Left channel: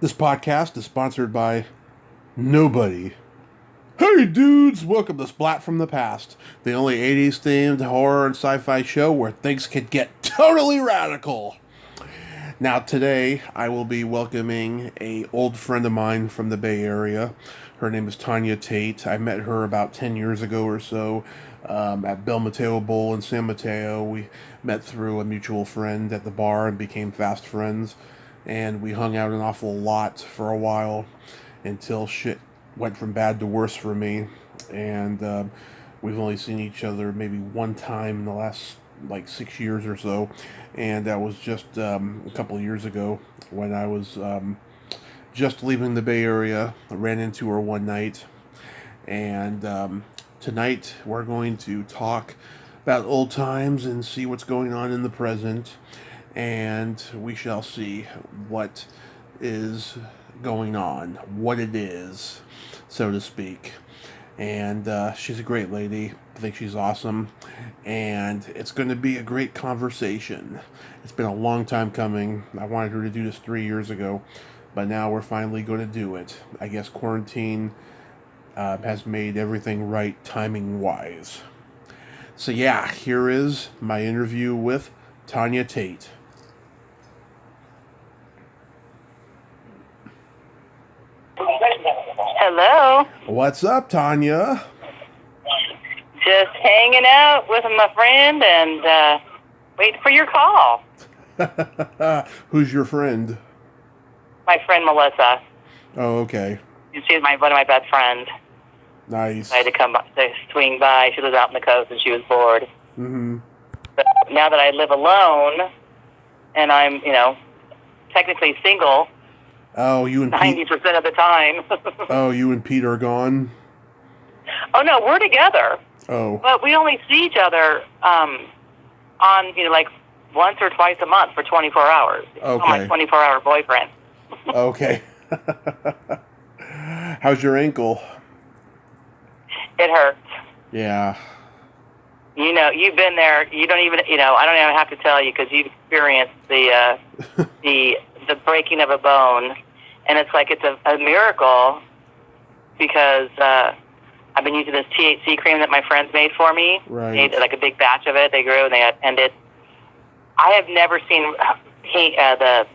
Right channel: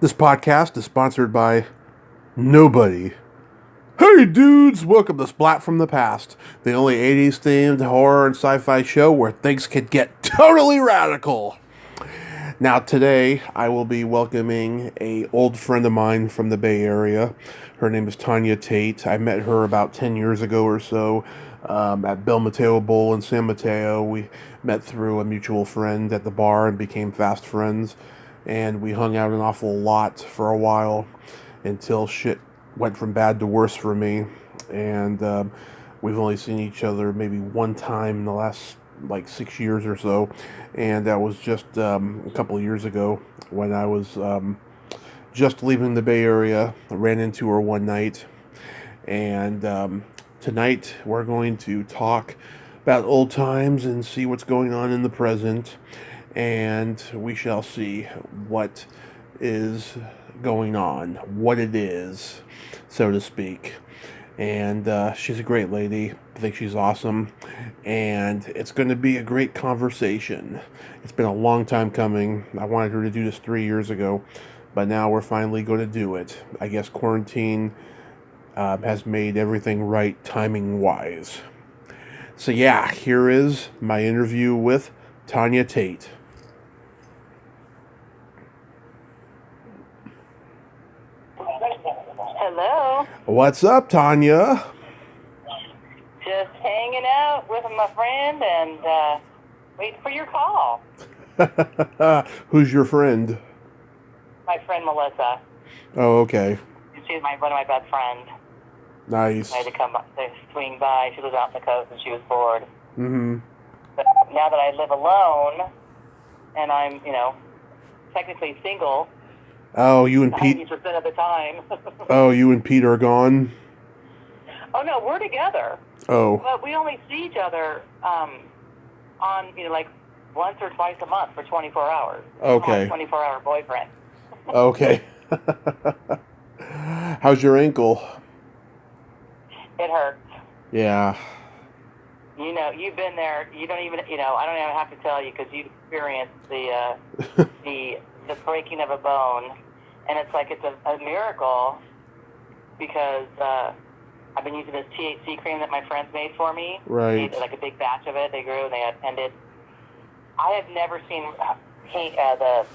This podcast is sponsored by nobody. Hey dudes, welcome to Splat from the Past, the only 80s themed horror and sci-fi show where things can get totally radical. Now today I will be welcoming a old friend of mine from the Bay Area. Her name is Tanya Tate. I met her about 10 years ago or so at Bel Mateo Bowl in San Mateo. We met through a mutual friend at the bar and became fast friends. And we hung out an awful lot for a while until shit went from bad to worse for me. And we've only seen each other maybe one time in the last like 6 years or so. And that was just a couple of years ago when I was just leaving the Bay Area. I ran into her one night. And tonight we're going to talk about old times and see what's going on in the present. And we shall see what is going on, what it is, so to speak. And she's a great lady. I think she's awesome. And it's going to be a great conversation. It's been a long time coming. I wanted her to do this 3 years ago, but now we're finally going to do it. I guess quarantine has made everything right timing-wise. So yeah, here is my interview with Tanya Tate. Hello. What's up, Tanya? Just hanging out with my friend and waiting for your call. Who's your friend? My friend Melissa. Oh, okay. She's one of my best friends. Nice. I had to swing by. She lives out on the coast and she was bored. Mm-hmm. But now that I live alone and I'm, technically single, Oh, you and Pete. 90% of the time. Oh, you and Pete are gone? Oh, no, we're together. Oh. But we only see each other on, like once or twice a month for 24 hours. Okay. I'm my 24-hour boyfriend. Okay. How's your ankle? It hurts. Yeah. You've been there. You don't even, I don't even have to tell you because you've experienced the breaking of a bone, and it's like it's a miracle because I've been using this THC cream that my friends made for me. Right. They made like a big batch of it. They grew and I have never seen the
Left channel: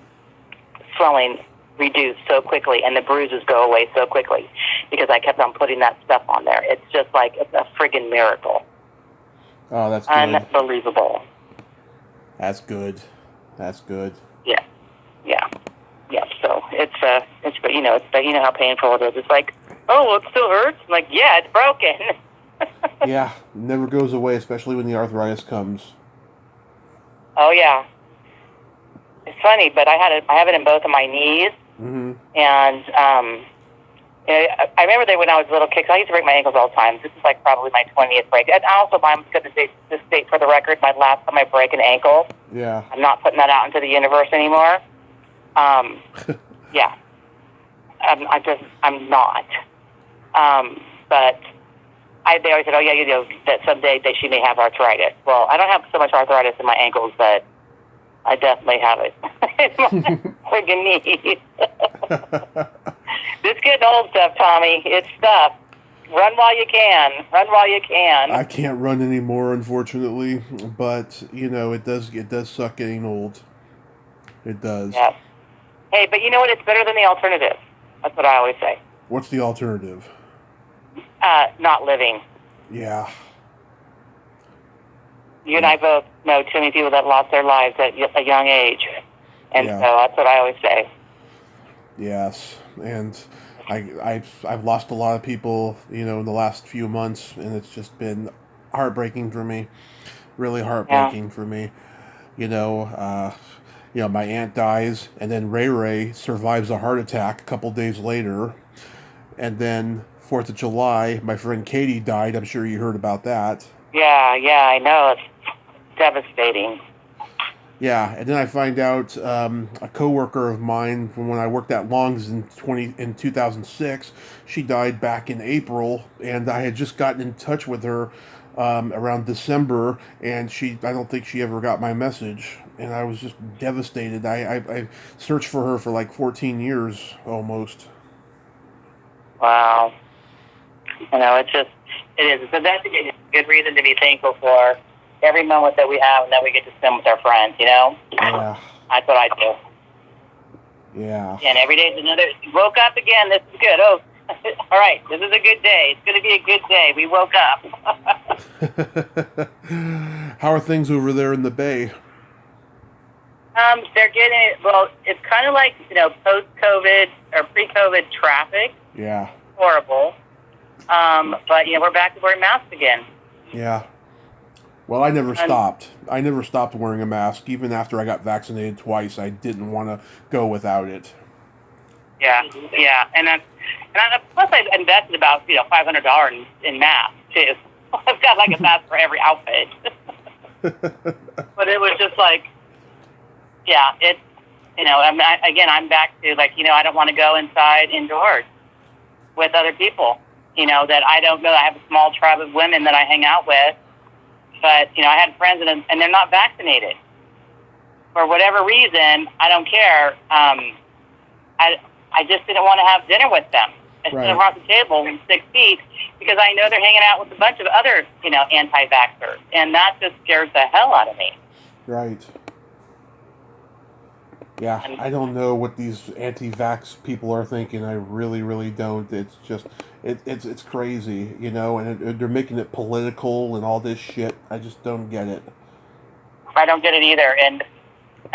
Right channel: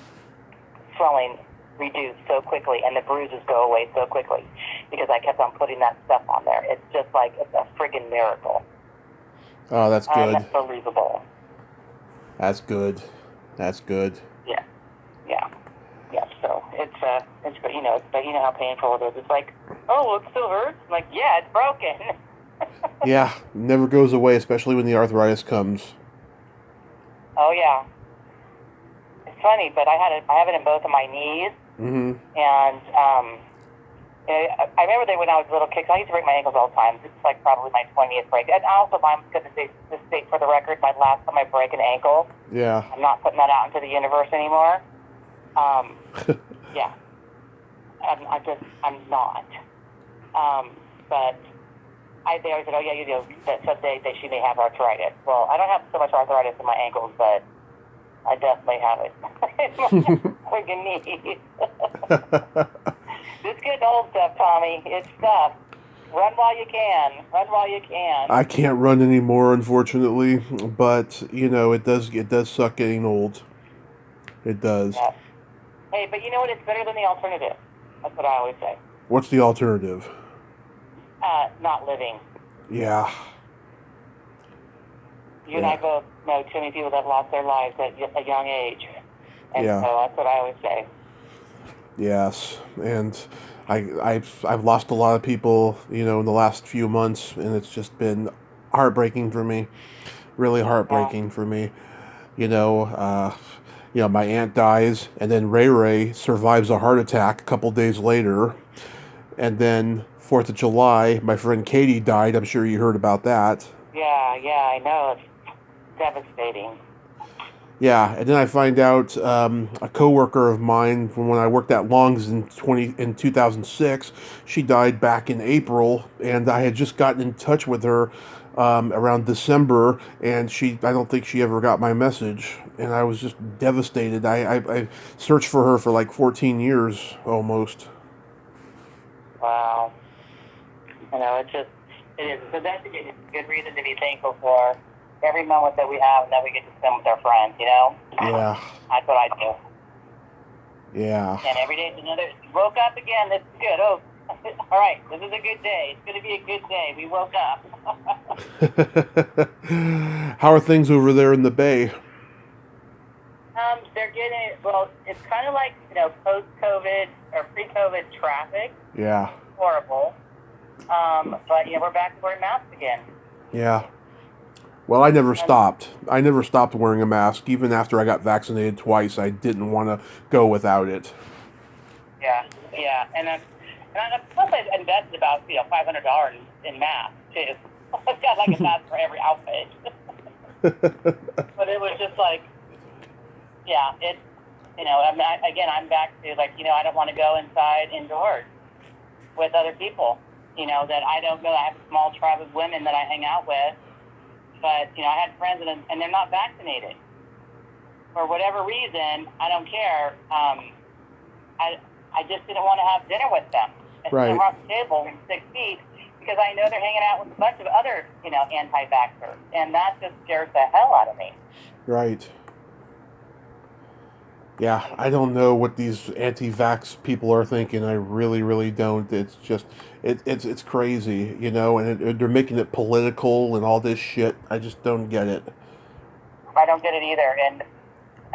swelling reduce so quickly and the bruises go away so quickly because I kept on putting that stuff on there. It's just like it's a friggin' miracle. Oh, that's good. Unbelievable. That's good. That's good. Yeah. So it's but you know how painful it is. It's like, oh, well, it still hurts. I'm like, yeah, it's broken. Yeah, never goes away, especially when the arthritis comes. Oh yeah. It's funny, but I have it in both of my knees. Mm-hmm. And I remember that when I was a little kid, 'cause I used to break my ankles all the time. This is like probably my 20th break. And also, I'm going to state for the record, my last time I break an ankle. Yeah. I'm not putting that out into the universe anymore. Yeah. I'm not. But they always said, oh yeah, that someday that she may have arthritis. Well, I don't have so much arthritis in my ankles, but I definitely have it. It's my friggin' knees. This getting old stuff, Tommy. It's stuff. Run while you can. Run while you can. I can't run anymore, unfortunately, but it does suck getting old. It does. Yes. Hey, but you know what? It's better than the alternative. That's what I always say. What's the alternative? Not living. Yeah. You and I both know too many people that lost their lives at a young age. And Yeah. so that's what I always say. Yes, and I've lost a lot of people, in the last few months, and it's just been heartbreaking for me, really heartbreaking for me. My aunt dies, and then Ray survives a heart attack a couple days later, and then 4th of July, my friend Katie died. I'm sure you heard about that. Yeah, I know. It's devastating. Yeah, and then I find out a coworker of mine from when I worked at Long's in 2006, she died back in April, and I had just gotten in touch with her around December, and I don't think she ever got my message. and I was just devastated. I searched for her for like 14 years almost. Wow. It is. But that's a good reason to be thankful for every moment that we have and that we get to spend with our friends, Yeah. That's what I do. Yeah. And every day is another, woke up again, this is good. Oh, all right, this is a good day. It's going to be a good day. We woke up. How are things over there in the Bay? They're getting, well, it's kind of like, post-COVID or pre-COVID traffic. Yeah. Horrible. But, we're back to wearing masks again. Yeah. Well, I never stopped. I never stopped wearing a mask. Even after I got vaccinated twice, I didn't want to go without it. Yeah. Plus I've invested about, $500 in masks, too. I've got like a mask for every outfit. But it was just like, yeah, it's, I'm back to like, I don't want to go indoors with other people, that I don't know. I have a small tribe of women that I hang out with, but, I had friends and they're not vaccinated. For whatever reason, I don't care. I just didn't want to have dinner with them. I sit around the table in 6 feet because I know they're hanging out with a bunch of other, anti-vaxxers, and that just scares the hell out of me. Right. Yeah, I don't know what these anti-vax people are thinking. I really, really don't. It's just, it's crazy, and they're making it political and all this shit. I just don't get it. I don't get it either, and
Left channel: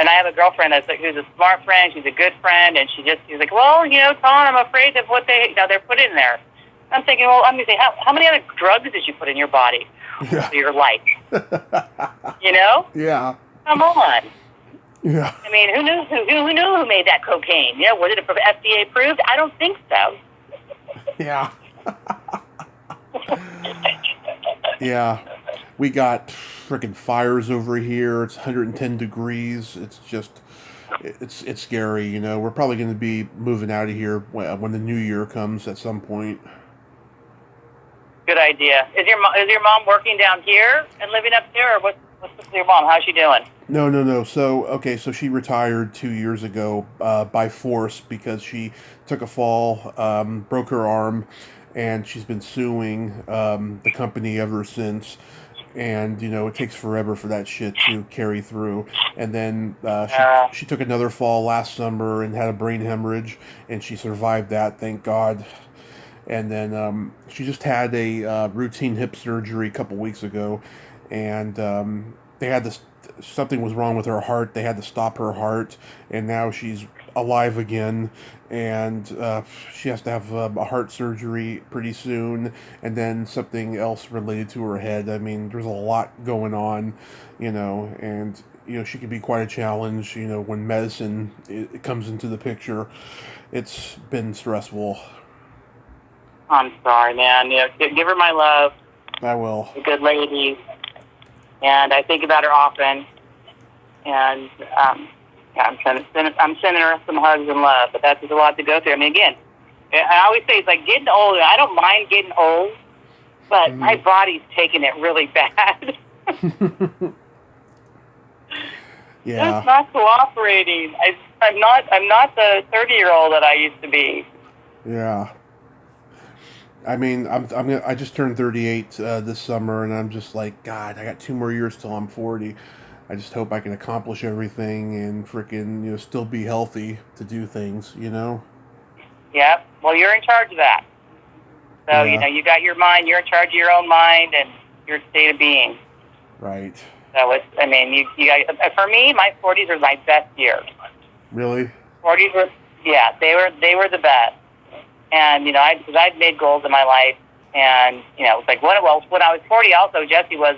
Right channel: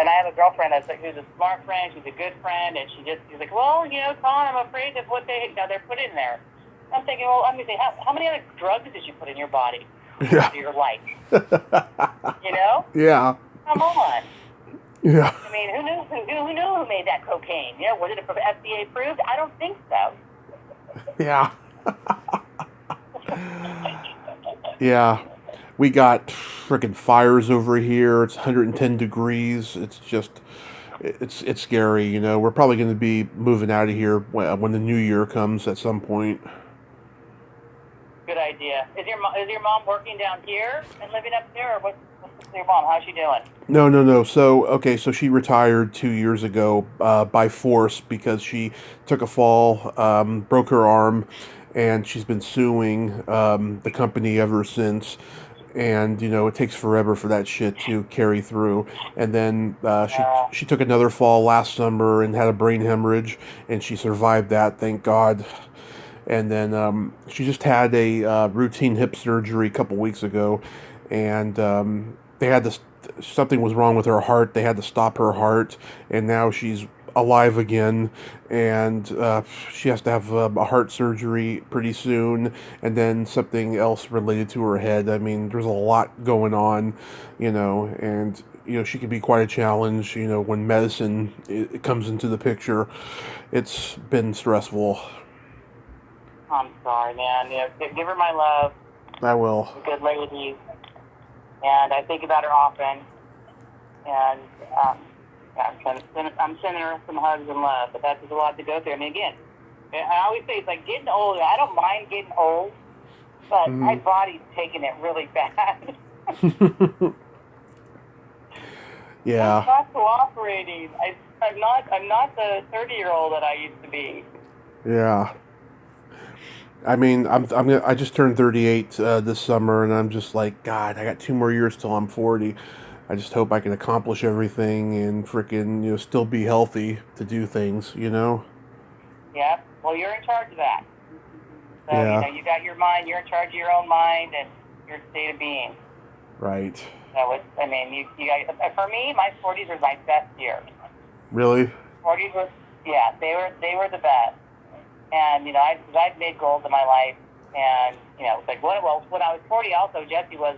I have a girlfriend who's a smart friend. She's a good friend, and she's like, well, Tom, I'm afraid of what they're put in there. I'm thinking, well, I'm going to say, how many other drugs did you put in your body for your life? Yeah. Come on. Yeah. I mean, who knew who made that cocaine? Was it FDA approved? I don't think so. Yeah. Yeah. We got freaking fires over here. It's 110 degrees. It's just, it's scary. We're probably going to be moving out of here when the new year comes at some point. Good idea. Is your mom working down here and living up here, or what's with your mom? How's she doing? No. So she retired 2 years ago by force because she took a fall, broke her arm, and she's been suing the company ever since. And it takes forever for that shit to carry through. And then she took another fall last summer and had a brain hemorrhage, and she survived that, thank God. And then she just had a routine hip surgery a couple weeks ago, and they had to, something was wrong with her heart. They had to stop her heart, and now she's alive again, and she has to have a heart surgery pretty soon, and then something else related to her head. I mean, there's a lot going on, and she can be quite a challenge, when medicine it comes into the picture. It's been stressful. I'm sorry, man. Give her my love. I will. A good lady. And I think about her often. And I'm sending her some hugs and love. But that's just a lot to go through. I mean, again, I always say it's like getting old. I don't mind getting old, but my body's taking it really bad. Yeah. It's not cooperating. I'm not the 30-year-old that I used to be. Yeah. I mean, I just turned 38 this summer, and I'm just like, God, I got 2 more years till I'm 40. I just hope I can accomplish everything and freaking, still be healthy to do things, Yep. Well, you're in charge of that. So, you got your mind, you're in charge of your own mind and your state of being. Right. So, you got, for me, my 40s were my best years. Really? 40s were, yeah, they were the best. And, I'd made goals in my life, and, it's like, when I was 40, also, Jesse was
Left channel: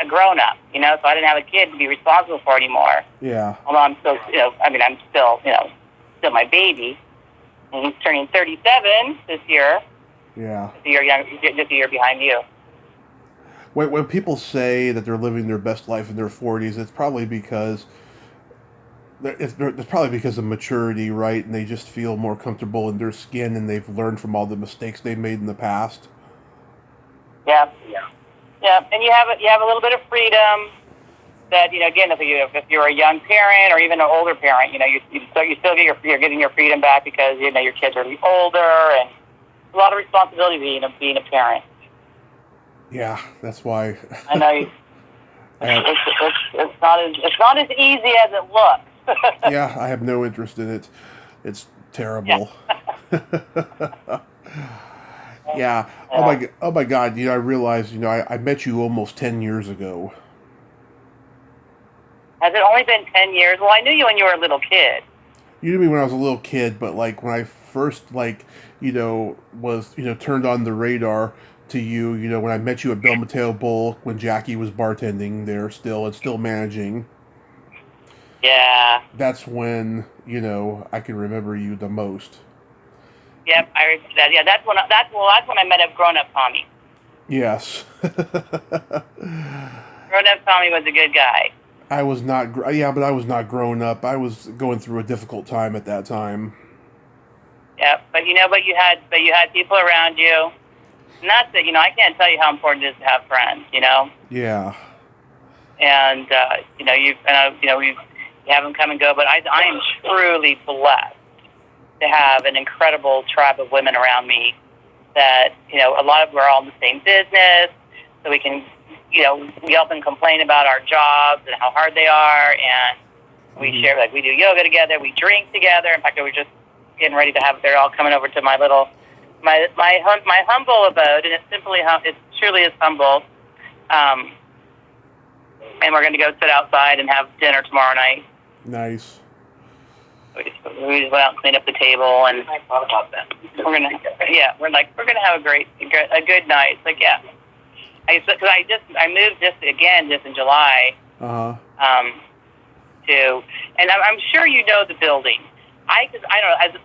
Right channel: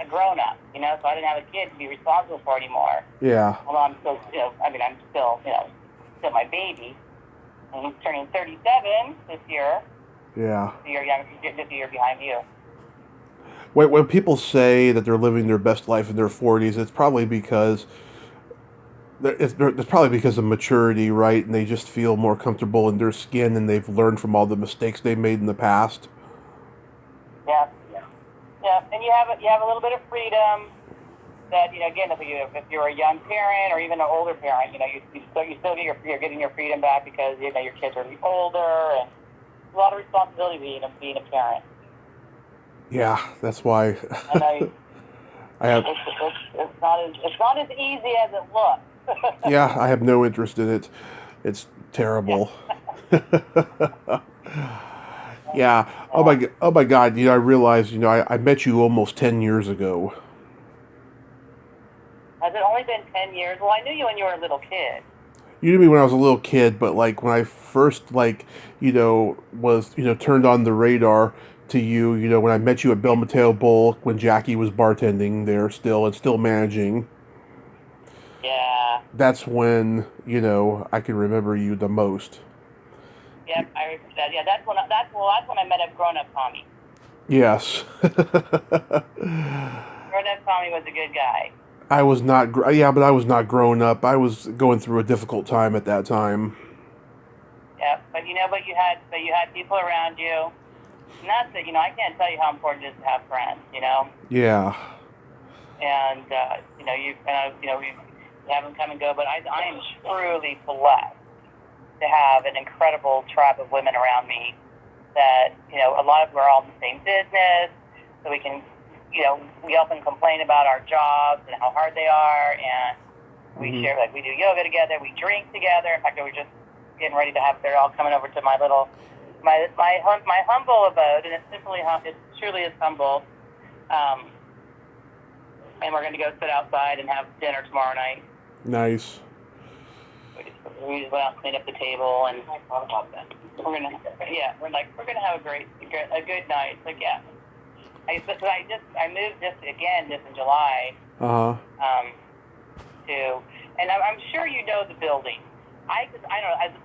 a grown-up, so I didn't have a kid to be responsible for anymore. Yeah. Although I'm still, I'm still my baby. And he's turning 37 this year. Yeah. Just a year behind you. When people say that they're living their best life in their 40s, it's probably because of maturity, right? And they just feel more comfortable in their skin, and they've learned from all the mistakes they made in the past. Yeah. And you have a little bit of freedom that, again, if you're a young parent or even an older parent, you still you're getting your freedom back because your kids are older, and a lot of responsibility being a parent. Yeah, that's why. I know. It's not as easy as it looks. Yeah, I have no interest in it. It's terrible. Yeah. Yeah. Oh my God. I realized. I met you almost 10 years ago. Has it only been 10 years? Well, I knew you when you were a little kid. You knew me when I was a little kid, but like when I first was turned on the radar to you, when I met you at Bel Mateo Bowl when Jackie was bartending there still managing. Yeah. That's when I can remember you the most. Yep, I remember that. Yeah, that's when I met a grown-up Tommy. Yes. Grown-up Tommy was a good guy. I was not. But I was not growing up. I was going through a difficult time at that time. Yeah, but you had people around you. And that's it. I can't tell you how important it is to have friends. Yeah. And we have them come and go. But I am truly blessed to have an incredible tribe of women around me. That a lot of them are all in the same business, so we can. We often complain about our jobs and how hard they are, and we share, we do yoga together, we drink together. In fact, we were just getting ready to they're all coming over to my humble abode, and it truly is humble. And we're going to go sit outside and have dinner tomorrow night. Nice. We just went out and cleaned up the table, and I thought about that. We're gonna have a good night. It's like, yeah. I moved just in July. And I'm sure you know the building. I don't know.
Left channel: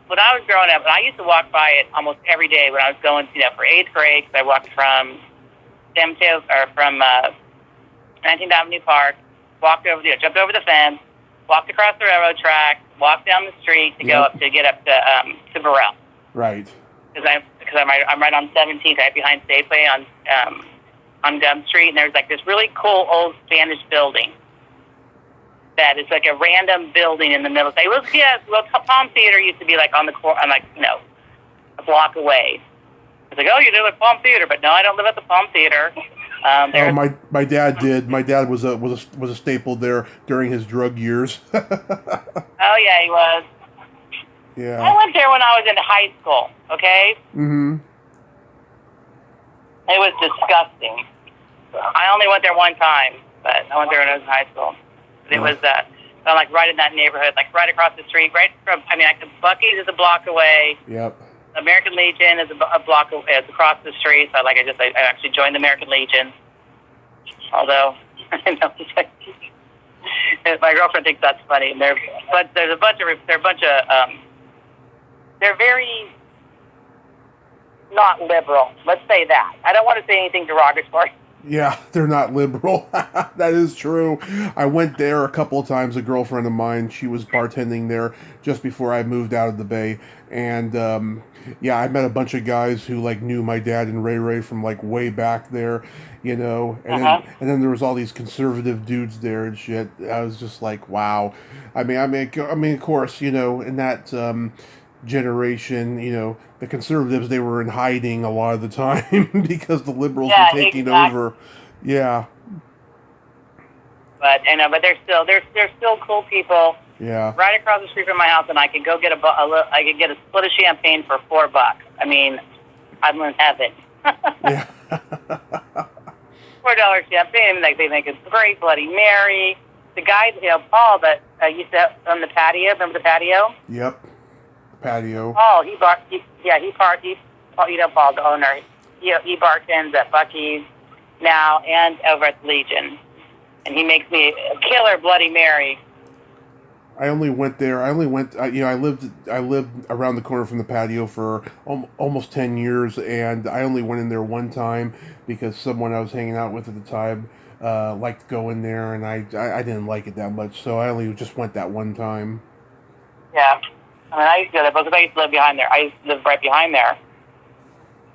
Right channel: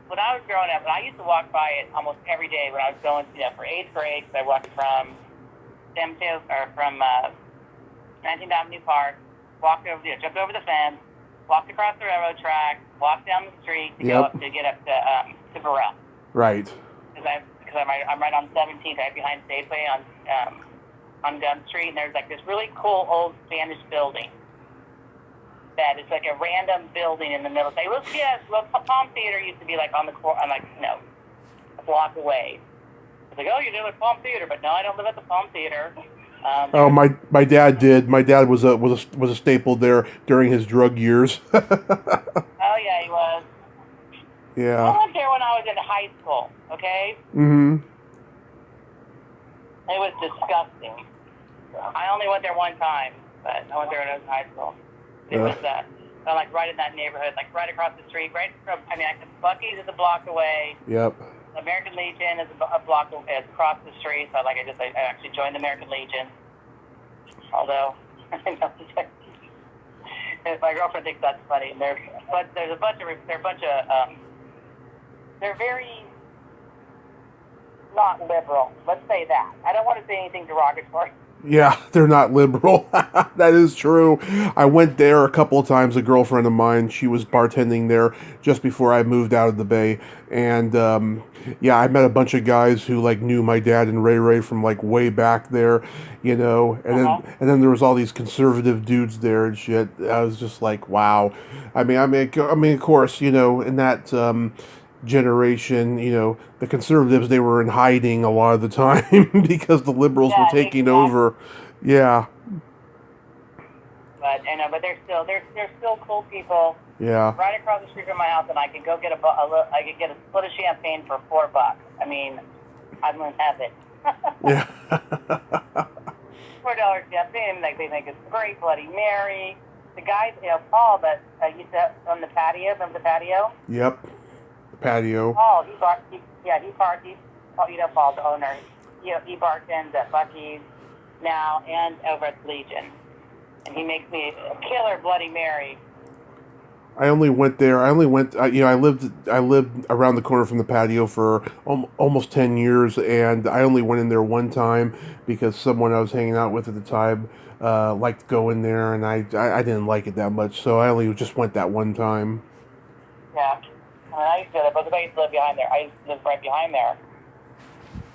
When I was growing up, I used to walk by it almost every day when I was going, for 8th grade. Cause I walked from San Mateo or from 19th Avenue Park, jumped over the fence, walked across the railroad track, walked down the street to get up to Burrell. Right. Because I'm right on 17th, right behind Safeway on Gum Street, and there's this really cool old Spanish building that is like a random building in the middle. Palm Theater used to be on the corner. I'm like, no, a block away. It's like, oh, you live at Palm Theater, but no, I don't live at the Palm Theater. My dad did. My dad was a staple there during his drug years. Oh yeah, he was. Yeah. I went there when I was in high school. Okay. Mm-hmm. It was disgusting. I only went there one time, but I went there when I was in high school. It was right in that neighborhood, right across the street, Buc-ee's is a block away. Yep. American Legion is a block away. It's across the street. So I actually joined the American Legion. Although I know my girlfriend thinks that's funny. They're very not liberal. Let's say that. I don't want to say anything derogatory. Yeah, they're not liberal. That is true. I went there a couple of times. A girlfriend of mine, she was bartending there just before I moved out of the Bay. And, I met a bunch of guys who, knew my dad and Ray from, way back there, And then there was all these conservative dudes there and shit. I was just like, wow. I mean, of course, in that generation, the conservatives, they were in hiding a lot of the time because the liberals were taking over. Yeah. But they're still cool people. Yeah. Right across the street from my house, and I could go get a split of champagne for $4. I mean, I'm in heaven. Yeah. $4 champagne. They make a great Bloody Mary. The guy, Paul, that used to on the patio. Remember the patio? Yep. The patio. Oh, Paul, the owner. He bartends at Buc-ee's now and over at Legion, and he makes me a killer Bloody Mary. I only went there. I lived around the corner from the patio for almost 10 years, and I only went in there one time because someone I was hanging out with at the time liked to go in there, and I didn't like it that much, so I only just went that one time. Yeah. I used to go there because I used to live behind there. I used to live right behind there,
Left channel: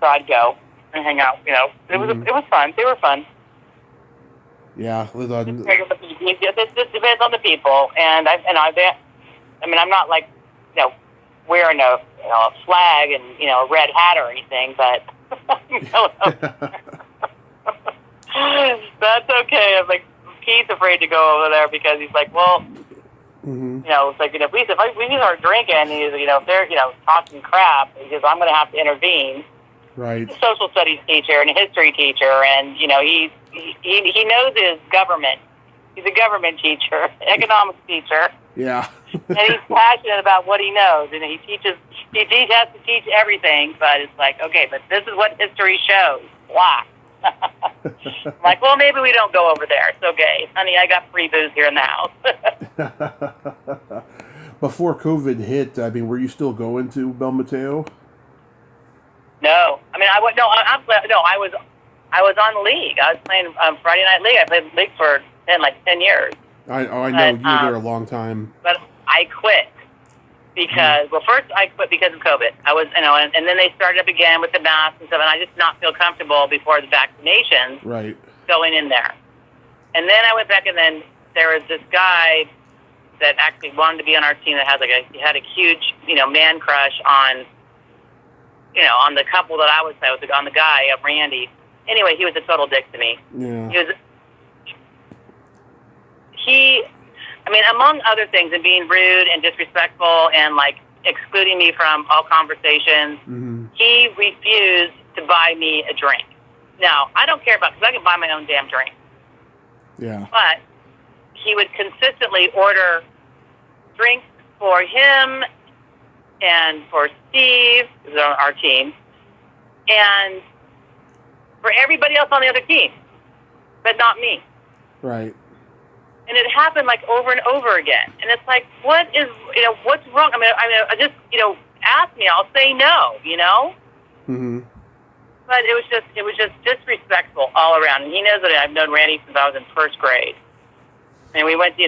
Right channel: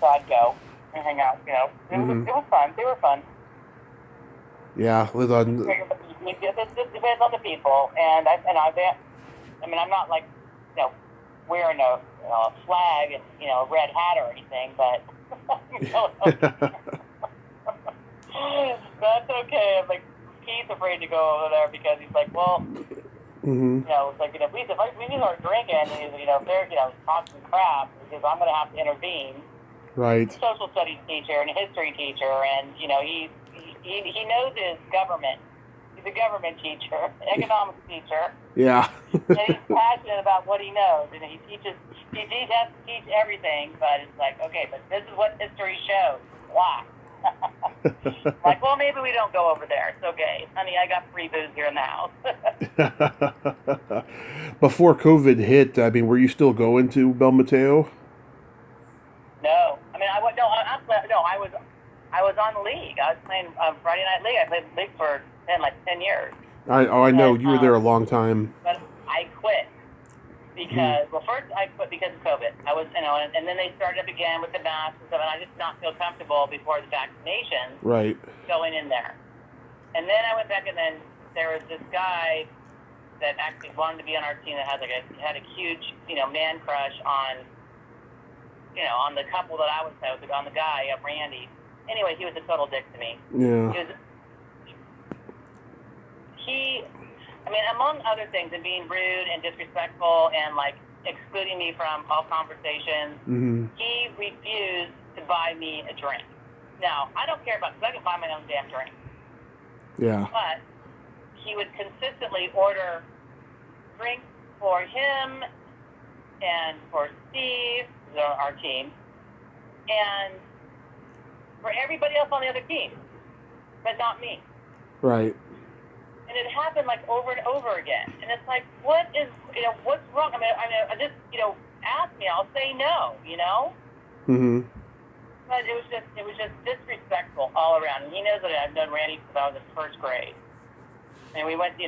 so I'd go and hang out. It was fun. They were fun. Yeah, lived on. This depends on the people, and I mean, I'm not like, wearing a flag and a red hat or anything, but that's okay. I'm like, Keith's afraid to go over there because he's like, well, it's like if we start drinking, he's if they're talking crap, because I'm going to have to intervene. Right. He's a social studies teacher and a history teacher, and he knows his government. He's a government teacher, economics teacher. Yeah. And he's passionate about what he knows, and he has to teach everything, but it's like, okay, but this is what history shows. Blah. Like, well, maybe we don't go over there. It's okay. Honey, I got free booze here in the house. Before COVID hit, I mean, were you still going to Bel Mateo? No. I mean, I was on league. I was playing Friday Night League. I played league for 10 years. I know you were there a long time. But I quit because, first I quit because of COVID. I was, and then they started up again with the masks and stuff, and I just not feel comfortable before the vaccinations. Right. Going in there. And then I went back, and then there was this guy that actually wanted to be on our team that had a huge, man crush on, on the couple that I was with, on the guy, Randy. Anyway, he was a total dick to me. Yeah. I mean, among other things, and being rude and disrespectful and, like, excluding me from all conversations, he refused to buy me a drink. Now, I don't care because I can buy my own damn drink. Yeah. But he would consistently order drinks for him and for Steve, who's on our team, and for everybody else on the other team, but not me. Right. And it happened like over and over again. And it's like, what's wrong? I mean, I just, ask me, I'll say no, But it was just disrespectful all around. And he knows that I've known Randy since I was in first grade. And we went to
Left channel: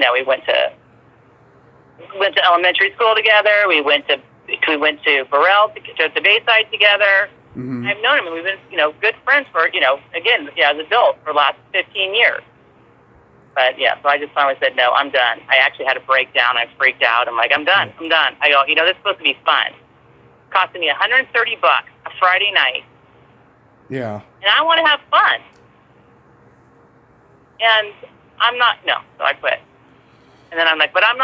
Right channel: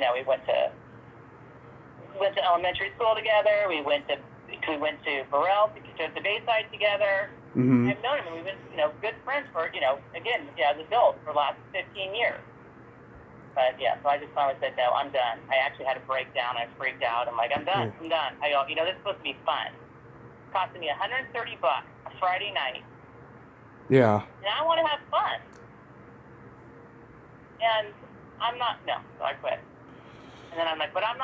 elementary school together. We went to Burrell, to Bayside together. I've known him, and we've been, good friends for, again, as adults for the last 15 years. But, yeah, so I just finally said, no, I'm done. I actually had a breakdown. I freaked out. I'm like, I'm done. I go, this is supposed to be fun. It costed me $130 a Friday night. Yeah. And I want to have fun. And so I quit. And then I'm like, but I'm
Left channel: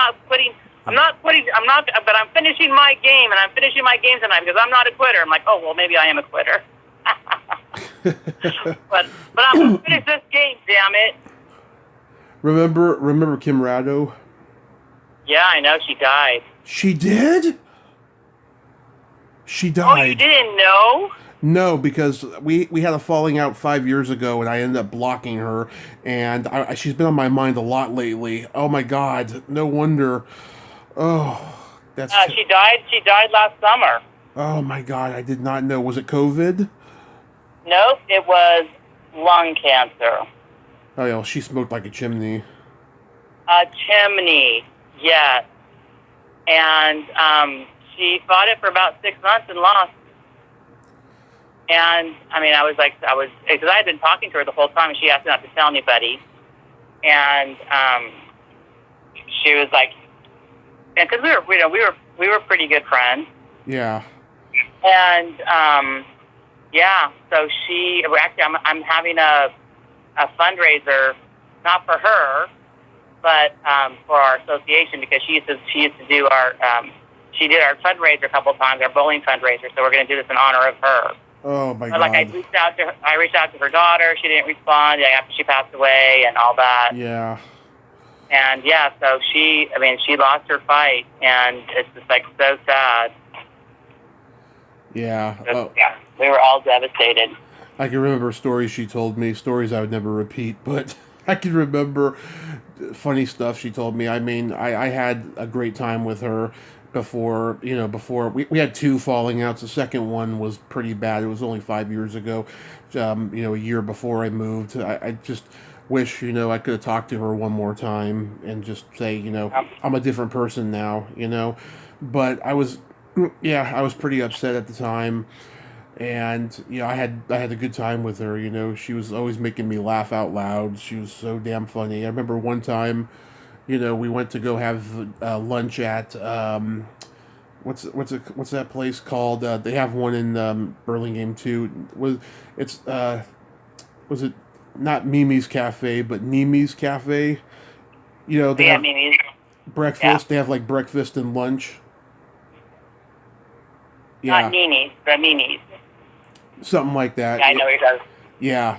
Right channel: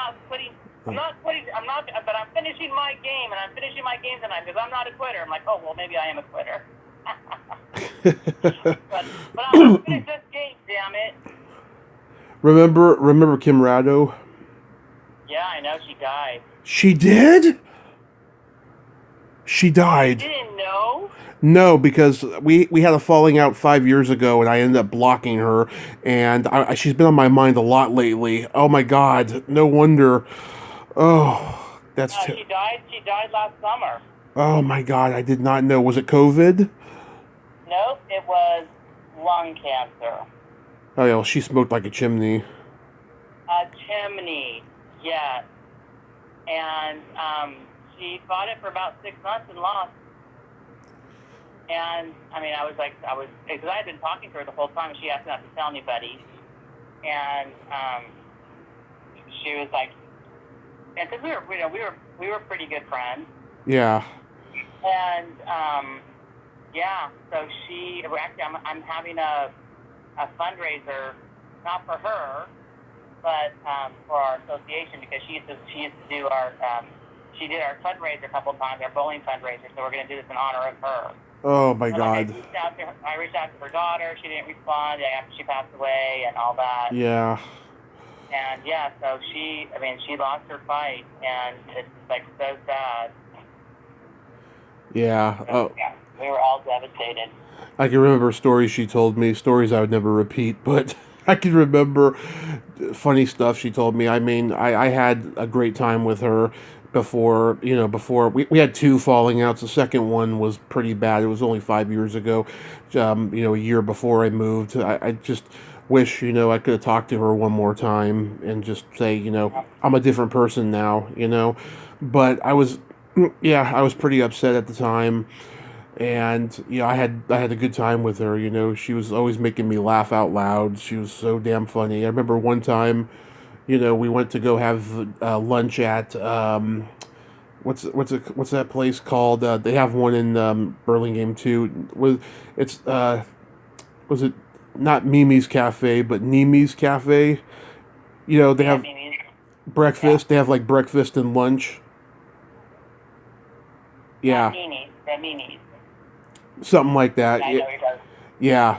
finishing my game, and I'm finishing my game tonight because I'm not a quitter. I'm like, oh, well, maybe I am a quitter. but I'm going to finish this game, damn it. Remember Kim Rado? Yeah, I know. She died. She did? She died. Oh, you didn't know? No, because we had a falling out 5 years ago, and I ended up blocking her, and she's been on my mind a lot lately. Oh my God, no wonder. Oh, that's. She died. She died last summer. Oh my God, I did not know. Was it COVID? Nope, it was lung cancer. Oh yeah, well, she smoked like a chimney. A chimney, yes. And she fought it for about 6 months and lost. And, I mean, because I had been talking to her the whole time, and she asked me not to tell anybody. And she was like, because we were pretty good friends. Yeah. And, so I'm having a fundraiser, not for her, but for our association, because she used to do she did our fundraiser a couple of times, our bowling fundraiser, so we're going to do this in honor of her. Oh my God! I reached out to her daughter. She didn't respond after she passed away and all that. Yeah. And so she lost her fight, and it's just like so sad. Yeah. Yeah, we were all devastated. I can remember stories she told me, stories I would never repeat, but I can remember funny stuff she told me. I mean, I had a great time with her. Before we had two falling outs. The second one was pretty bad. It was only 5 years ago, a year before I moved. I just wish, I could have talked to her one more time and just say, I'm a different person now, but I was pretty upset at the time. And I had a good time with her. She was always making me laugh out loud. She was so damn funny. I remember one time, we went to go have lunch at what's that place called? They have one in Burlingame too. Was it not Mimi's Cafe, but Nimi's Cafe? They Yeah, have Mimi's. Yeah. breakfast. They have like breakfast and lunch. Not Yeah, Nini's, but Mimi's. something like that. Yeah, I know what you're talking. Yeah,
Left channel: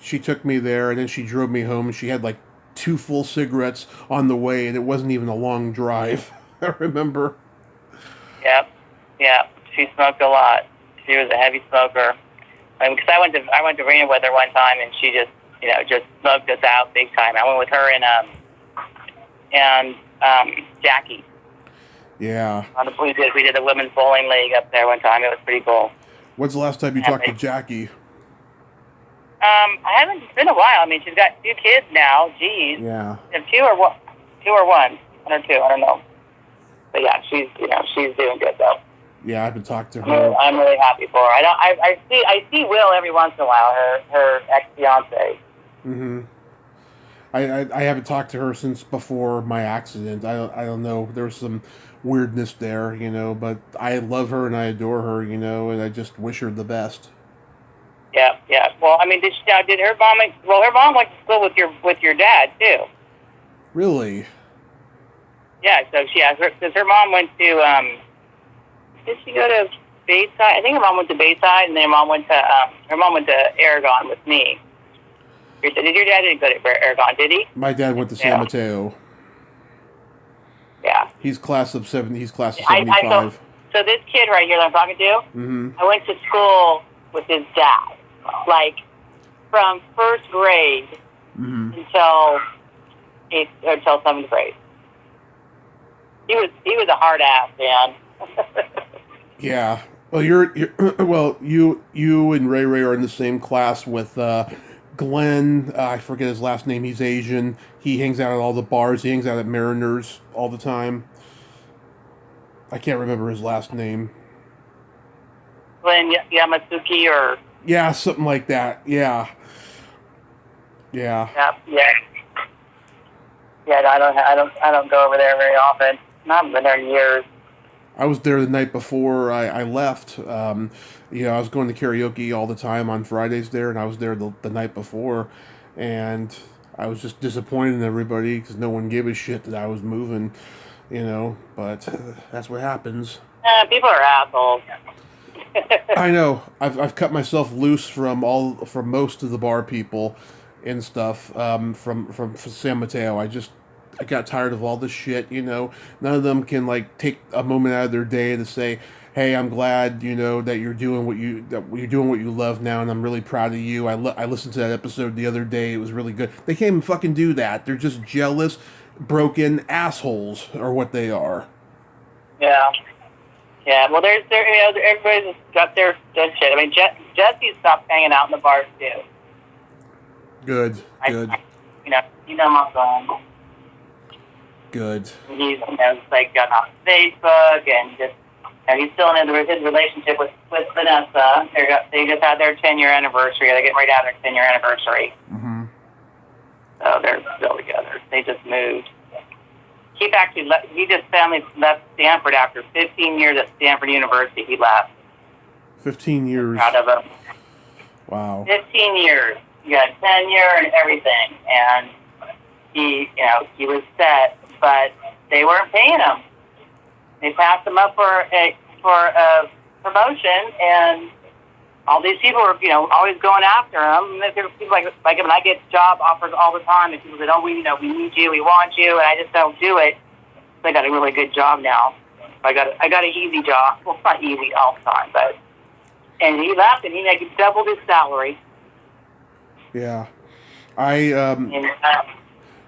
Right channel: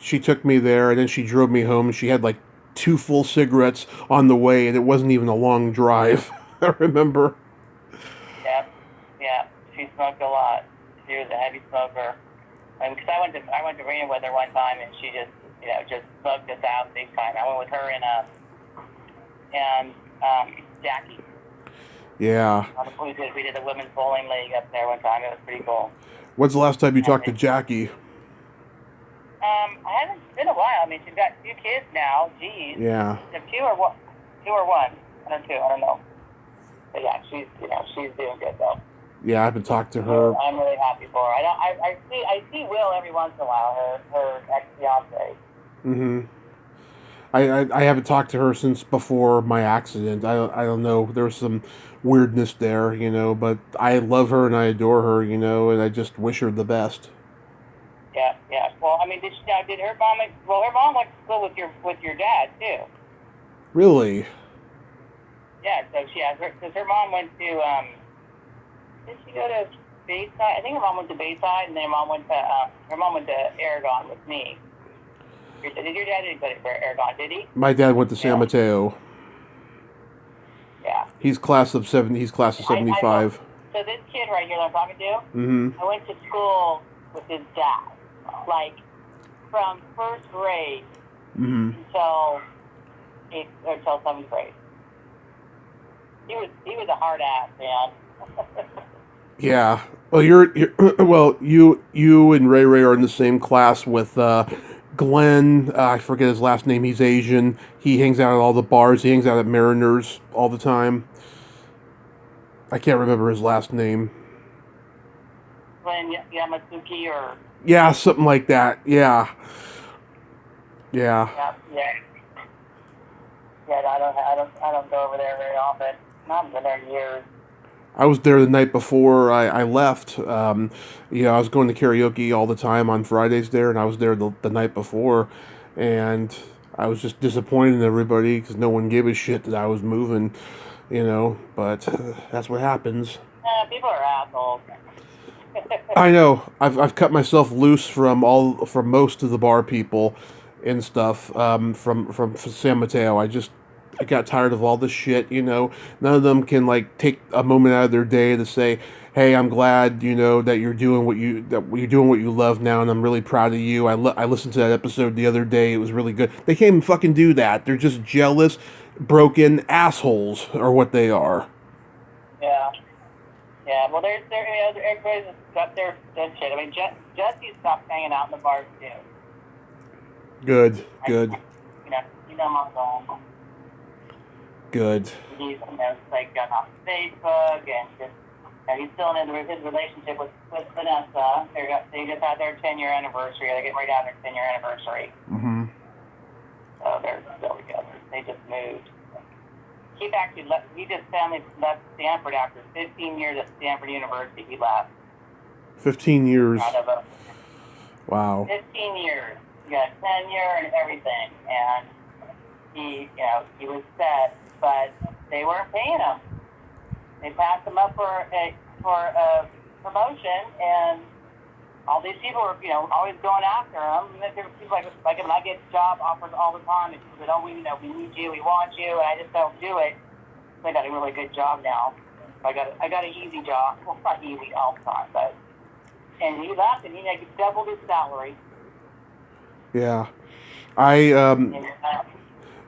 she took me there, and then she drove me home. She had like two full cigarettes on the way, and it wasn't even a long drive. I remember. Yep. Yeah. She smoked a lot. She was a heavy smoker. Because I went to Reno with her one time, and she just smoked us out big time. I went with her and Jackie. Yeah. We did the women's bowling league up there one time. It was pretty cool. When's the last time you talked to Jackie? I haven't. It's been a while. I mean, she's got 2 kids now. Geez. Yeah. And 2 or 1. 2 or 1. 1 or 2. I don't know. But yeah, she's doing good though. Yeah, I haven't talked to her. Yeah, I'm really happy for her. I see Will every once in a while. Her ex fiance. Mm-hmm. I haven't talked to her since before my accident. I don't know. There was some weirdness there, but I love her and I adore her, and I just wish her the best. Yeah, yeah. Well, I mean, did her mom? Well, her mom went to school with your dad too. Really? Yeah. So because her mom went to did she go to Bayside? I think her mom went to Bayside, and then her mom went to Aragon with me. Did your dad didn't go to Aragon? Did he? My dad went to San Mateo. Yeah. He's class of 75. So this kid right here that I'm talking to, Mm-hmm. I went to school with his dad, like from 1st grade Mm-hmm. until 7th grade. He was a hard ass, man. Yeah. Well, you and Ray are in the same class with Glenn. I forget his last name. He's Asian. He hangs out at all the bars. He hangs out at Mariners all the time. I can't remember his last name. Glenn Yamasuki or Yeah, something like that. Yeah. yeah. Yeah, I don't go over there very often. I haven't been there in years. I was there the night before I left. I was going to karaoke all the time on Fridays there, and I was there the night before, and I was just disappointed in everybody because no one gave a shit that I was moving, but that's what happens. People are assholes. I know. I've cut myself loose from most of the bar people and stuff from San Mateo. I got tired of all this shit. None of them can like take a moment out of their day to say, "Hey, I'm glad that you're doing what you love now, and I'm really proud of you." I listened to that episode the other day. It was really good. They can't even fucking do that. They're just jealous, broken assholes, are what they are. Yeah. Yeah, well, everybody's got their shit. I mean, Jesse stopped hanging out in the bars too. Good. I'm going. Good. He's like gotten off Facebook and just he's still in his relationship with Vanessa. They just had their 10-year anniversary. They're getting ready to have their 10-year anniversary. Mm-hmm. So they're still together. They just moved. He just family left Stanford after 15 years at Stanford University. He left. 15 years. Out of him. Wow. 15 years. He got tenure and everything, and he was set, but they weren't paying him. They passed him up for a promotion, and all these people were, always going after him. There were people like when I get job offers all the time, and people say, "Oh, we need you, we want you," and I just don't do it. So I got a really good job now. I got an easy job. Well, it's not easy all the time, and he left, and he doubled his salary. Yeah,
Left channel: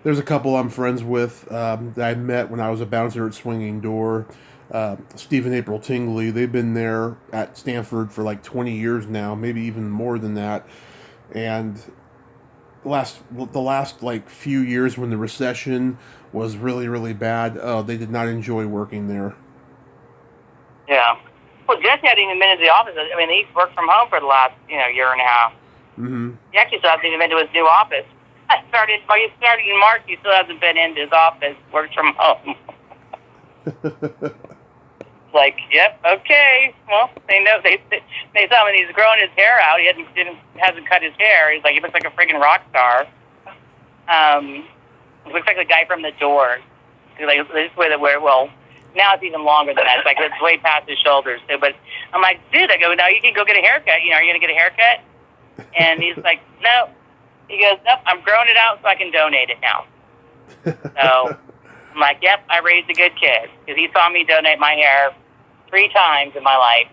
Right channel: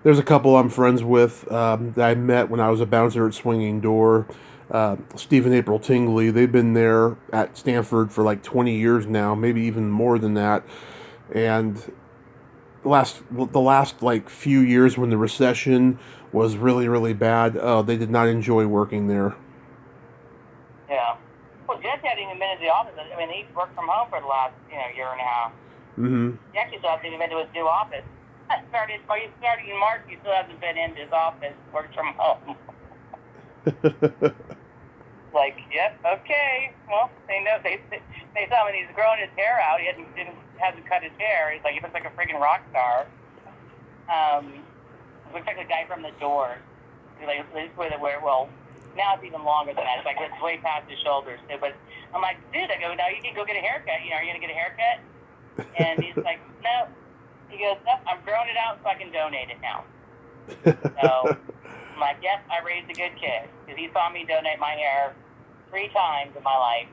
there's a couple I'm friends with that I met when I was a bouncer at Swinging Door. Steve and April Tingley, they've been there at Stanford for like 20 years now, maybe even more than that. And the last like few years when the recession was really, really bad, they did not enjoy working there. Yeah. Well, Jesse hadn't even been into the office. I mean, he worked from home for the last, year and a half. Mm-hmm. He actually still hasn't even been to his new office. He started in March. He still hasn't been into his office. Works from home. Like, yep, okay. Well, they know they saw him and he's growing his hair out. He hasn't cut his hair. He's like, he looks like a freaking rock star. He looks like the guy from The Doors. Like this way well, now it's even longer than that. It's like it's way past his shoulders too. But I'm like, dude, I go, now you can go get a haircut. Are you gonna get a haircut? And he's like, no. He goes, nope, I'm growing it out so I can donate it now. So I'm like, yep, I raised a good kid because he saw me donate my hair 3 times in my life,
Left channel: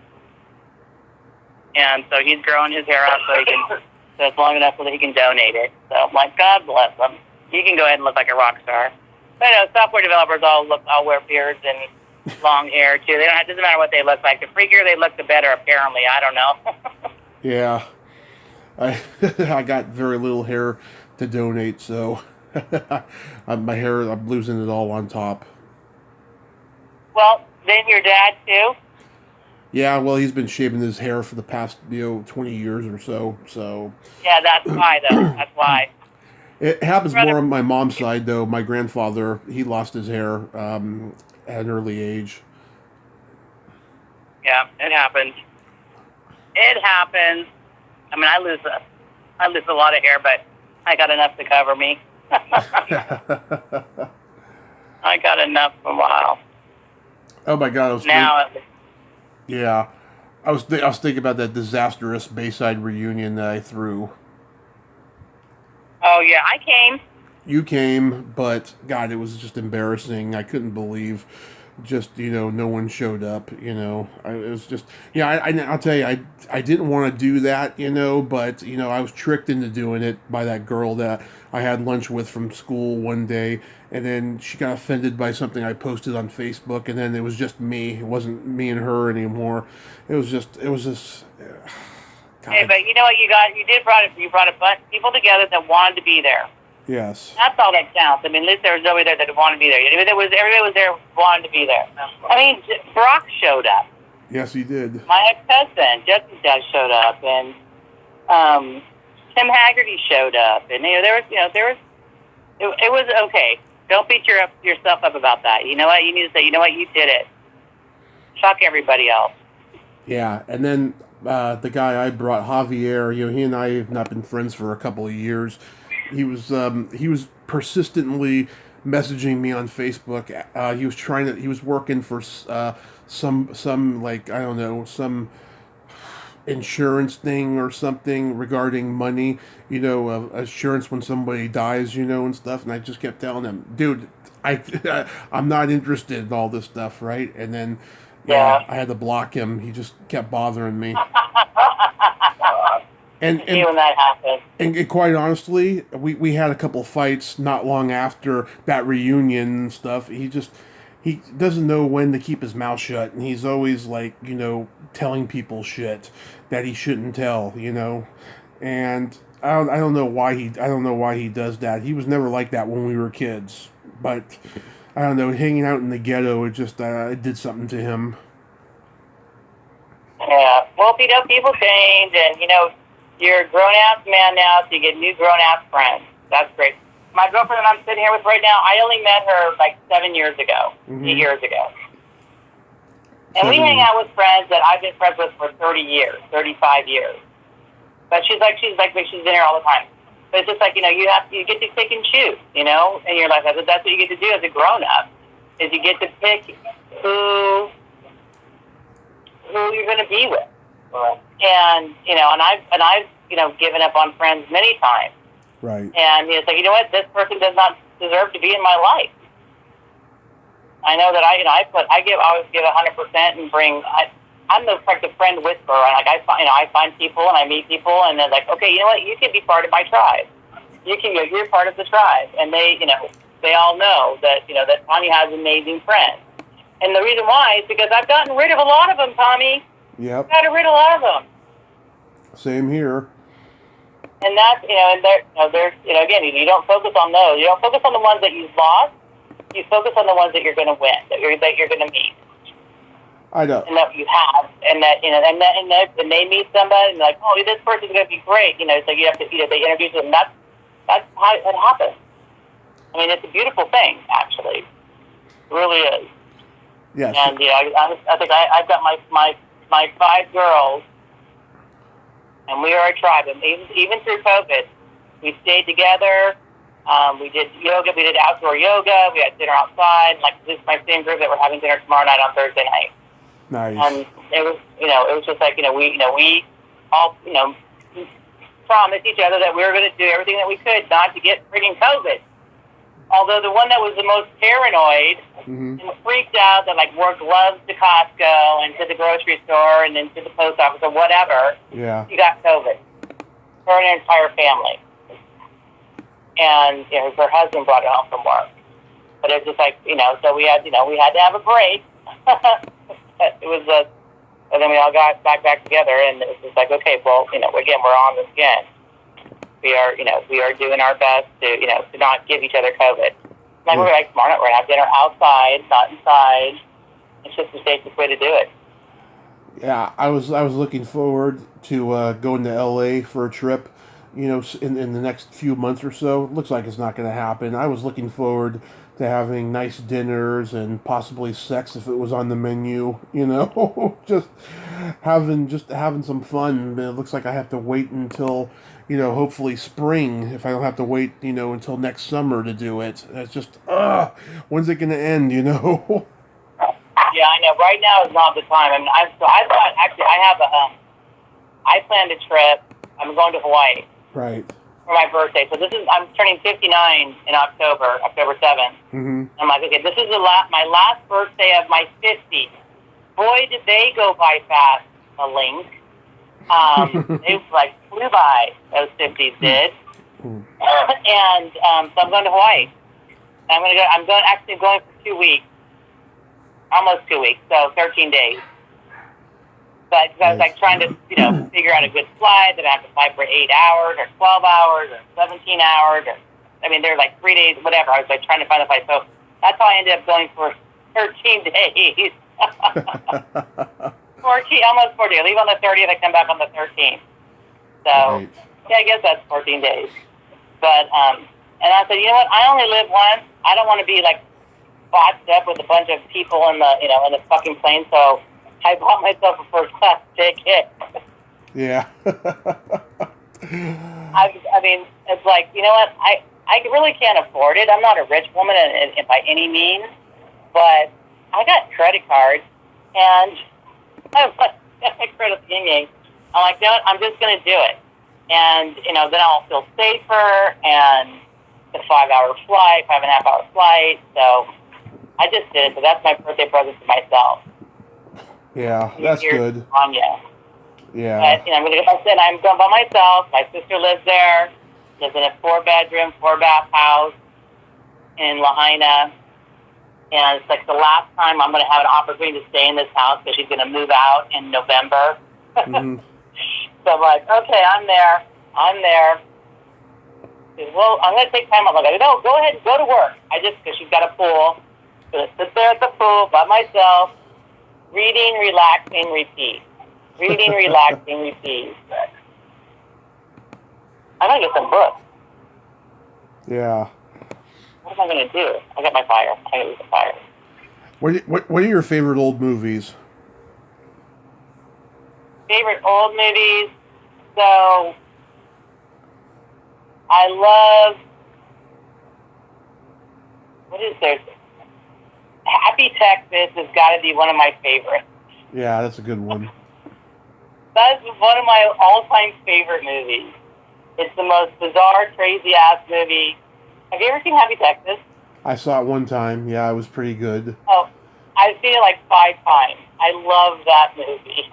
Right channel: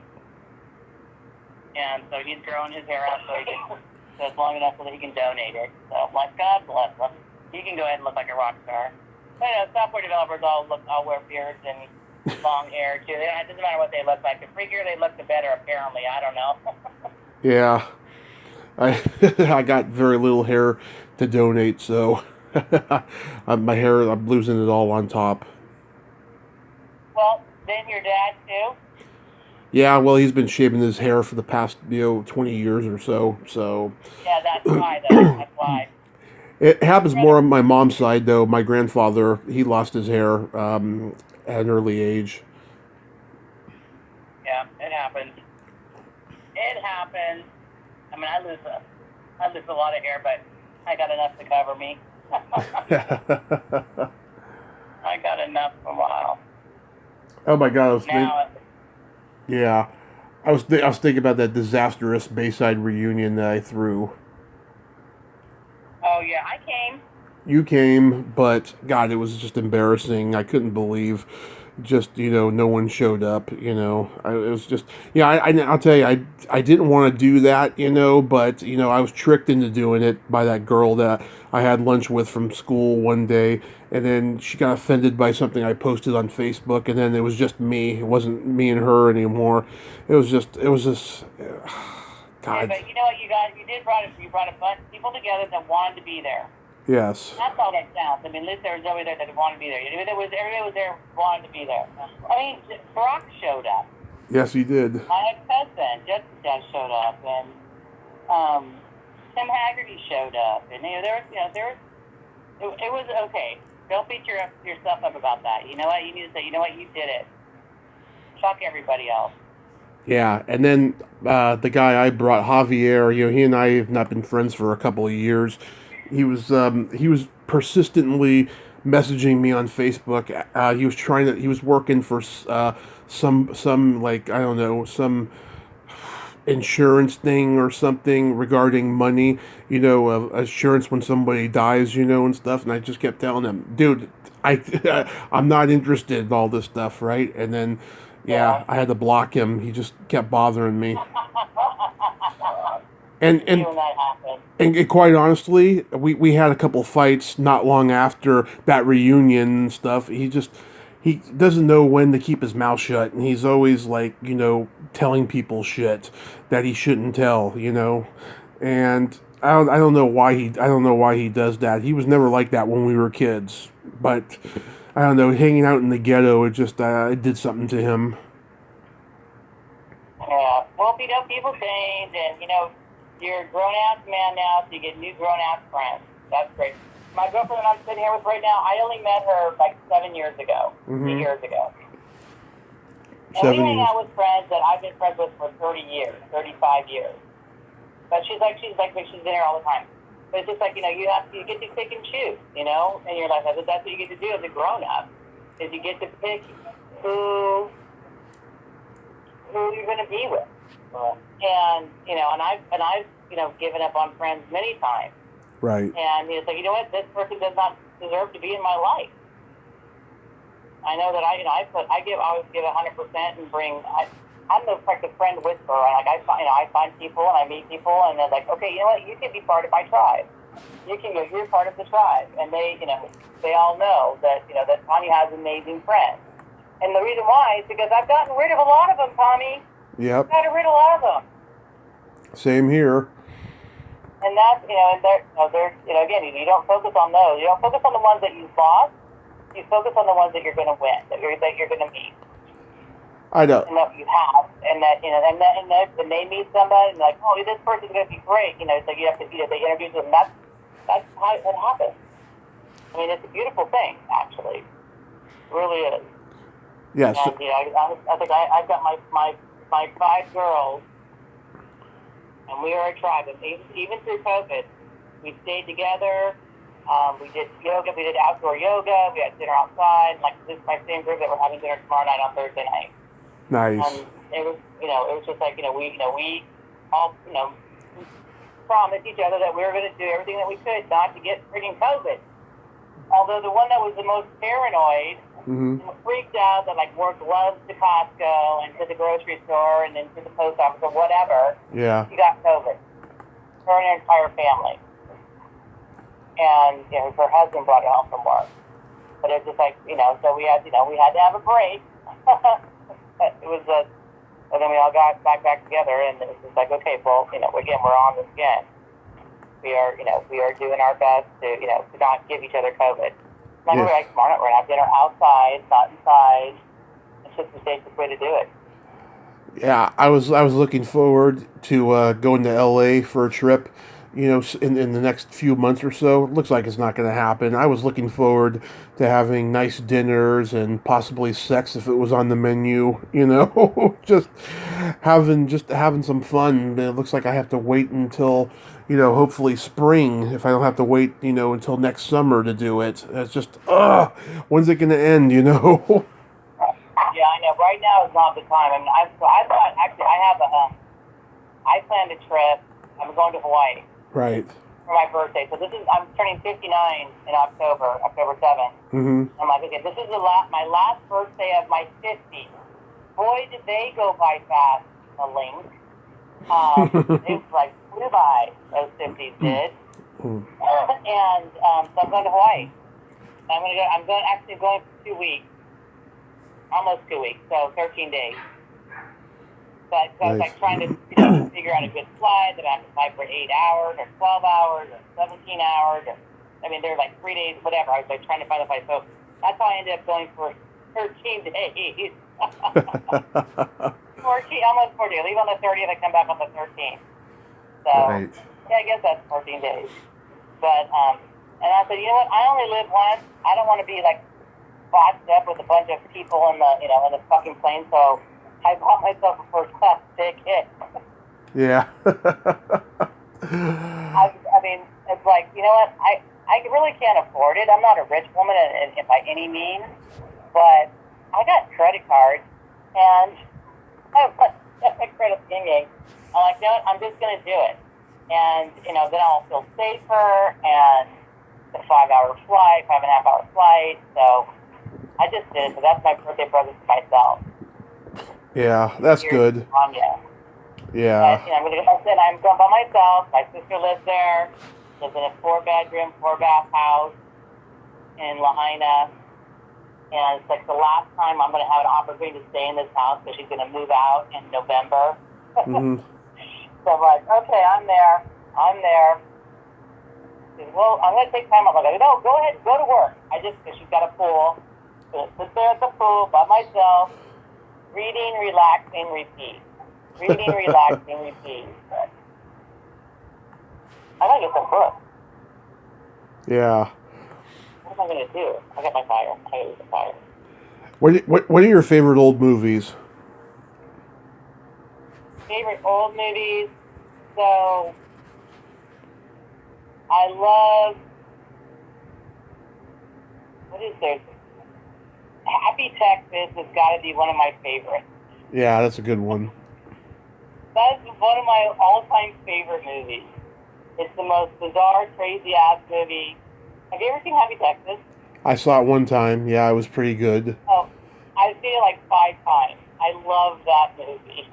and so he's growing his hair out so it's long enough so that he can donate it. So I'm like, God bless him. He can go ahead and look like a rock star. But software developers all wear beards and long hair too. It doesn't matter what they look like. The freakier they look, the better. Apparently, I don't know. Yeah, I got very little hair to donate, so my hair, I'm losing it all on top. Well, then your dad too? Yeah, well, he's been shaving his hair for the past 20 years or so. So yeah, that's why though. That's why. It happens more on my mom's side, though. My grandfather, he lost his hair at an early age. Yeah, it happens. It happens. I mean, I lose a lot of hair, but I got enough to cover me. I got enough for a while. Oh my God! I was thinking about that disastrous Bayside reunion that I threw. Oh yeah, I came. You came, but God, it was just embarrassing. I couldn't believe, no one showed up. It was just, I'll tell you, I didn't want to do that, but I was tricked into doing it by that girl that I had lunch with from school one day, and then she got offended by something I posted on Facebook, and then it was just me. It wasn't me and her anymore. It was just. God. Yeah, but you know what you brought a bunch of people together that wanted to be there. Yes. That's all that counts. I mean, at least there was nobody there that wanted to be there. Everybody was there wanted to be there. I mean, Brock showed up. Yes, he did. My ex-husband, Jesse's dad, showed up, and Tim Haggerty showed up, and it was okay. Don't beat yourself up about that. You know what? You need to say, you know what? You did it. Fuck everybody else. Yeah, and then the guy I brought, Javier, he and I have not been friends for a couple of years. He was persistently messaging me on Facebook. He was working for some like, I don't know, some insurance thing or something regarding money, insurance when somebody dies, and stuff. And I just kept telling him, dude, I'm not interested in all this stuff, right? And then. Yeah, I had to block him. He just kept bothering me. And when that happened. And quite honestly, we had a couple fights not long after that reunion and stuff. He doesn't know when to keep his mouth shut, and he's always like, telling people shit that he shouldn't tell, And I don't know why he does that. He was never like that when we were kids, but. I don't know, hanging out in the ghetto, it just it did something to him. Yeah. Well, people change, and, you're a grown-ass man now, so you get new grown-ass friends. That's great. My girlfriend that I'm sitting here with right now, I only met her like 7 years ago, 8 years ago. And we hang out with friends that I've been friends with for 30 years, 35 years. But she's been here all the time. But it's just like, you get to pick and choose, in your life. That's what you get to do as a grown-up, is you get to pick who you're going to be with. And, and I've given up on friends many times. Right. And it's like, you know what, this person does not deserve to be in my life. I know that I always give 100% and I'm the friend whisperer. Like I find people and I meet people and they're like, okay, you know what? You can be part of my tribe. You're part of the tribe, and they all know that that Tanya has amazing friends. And the reason why is because I've gotten rid of a lot of them, Tommy. Yep. I've gotten rid of a lot of them. Same here. And that's there's again, you don't focus on those. You don't focus on the ones that you've lost. You focus on the ones that you're going to win, that you're going to meet. I know. And that you have, and then they meet somebody and they're like, oh, this person's going to be great. It's like you have to, they introduce them. That's how it happens. I mean, it's a beautiful thing, actually. It really is. Yes. And I think I've got my 5 girls, and we are a tribe. And even through COVID, we stayed together. We did yoga. We did outdoor yoga. We had dinner outside. Like, this is my same group that we're having dinner tomorrow night on Thursday night. Nice. And it was just like, we all, promised each other that we were going to do everything that we could not to get freaking COVID. Although the one that was the most paranoid and freaked out that, like, wore gloves to Costco and to the grocery store and then to the post office or whatever, she got COVID. Her and her entire family. And her husband brought it home from work. But it was just like, so we had to have a break. It was and then we all got back together, and it was just like, okay, well, again, we're on this again. We are doing our best to not give each other COVID. Like, we're like, tomorrow night we're gonna have dinner outside, not inside. It's just the safest way to do it. Yeah, I was looking forward to going to LA for a trip, in the next few months or so. It looks like it's not going to happen. I was looking forward to having nice dinners and possibly sex if it was on the menu, just having some fun. It looks like I have to wait until, hopefully spring, if I don't have to wait, until next summer to do it. It's just, when's it going to end, Yeah, I know. Right now is not the time. I mean, I planned a trip. I'm going to Hawaii. Right. For my birthday. So I'm turning 59 in October 7th. Mm-hmm. I'm like, okay, this is my last birthday of my 50s. Boy, did they go by fast, a link. It like flew by, those 50s did. And so I'm going to Hawaii. I'm actually going for 2 weeks. Almost 2 weeks, so 13 days. But I was like trying to, figure out a good flight that I have to fly for 8 hours or 12 hours or 17 hours. They're like 3 days, whatever. I was like trying to find a flight. So that's how I ended up going for 13 days. 14, almost 40. I leave on the 30th, I come back on the 13th. So, yeah, I guess that's 14 days. But, and I said, you know what, I only live once. I don't want to be like boxed up with a bunch of people in the fucking plane, so I bought myself a first class ticket. Yeah. I mean, it's like, you know what, I really can't afford it. I'm not a rich woman by any means, but I got credit cards, and I have my credit union. I'm like, you know what, I'm just going to do it. And, then I'll feel safer, and the 5-hour flight, 5.5-hour flight, so I just did it. So that's my birthday present to myself. Yeah, that's good. Tanya. Yeah. But, I'm going by myself. My sister lives there. Lives in a 4-bedroom, 4-bath house in Lahaina. And it's like the last time I'm going to have an opportunity to stay in this house because she's going to move out in November. Mm-hmm. So I'm like, okay, I'm there. She says, well, I'm going to take time off. I'm like, no, go ahead, go to work. Because she's got a pool. I'm going to sit there at the pool by myself. Reading, relaxing, repeat. Reading, relaxing, repeat. I'm going to get some books. Yeah. What am I going to do? I got my fire. I'm going to use the fire. What are your favorite old movies? Favorite old movies? So, I love... What is there? Happy Texas has got to be one of my favorites. Yeah, that's a good one. That's one of my all-time favorite movies. It's the most bizarre, crazy-ass movie. Have you ever seen Happy Texas? I saw it one time. Yeah, it was pretty good. Oh, I've seen it like 5 times. I love that movie.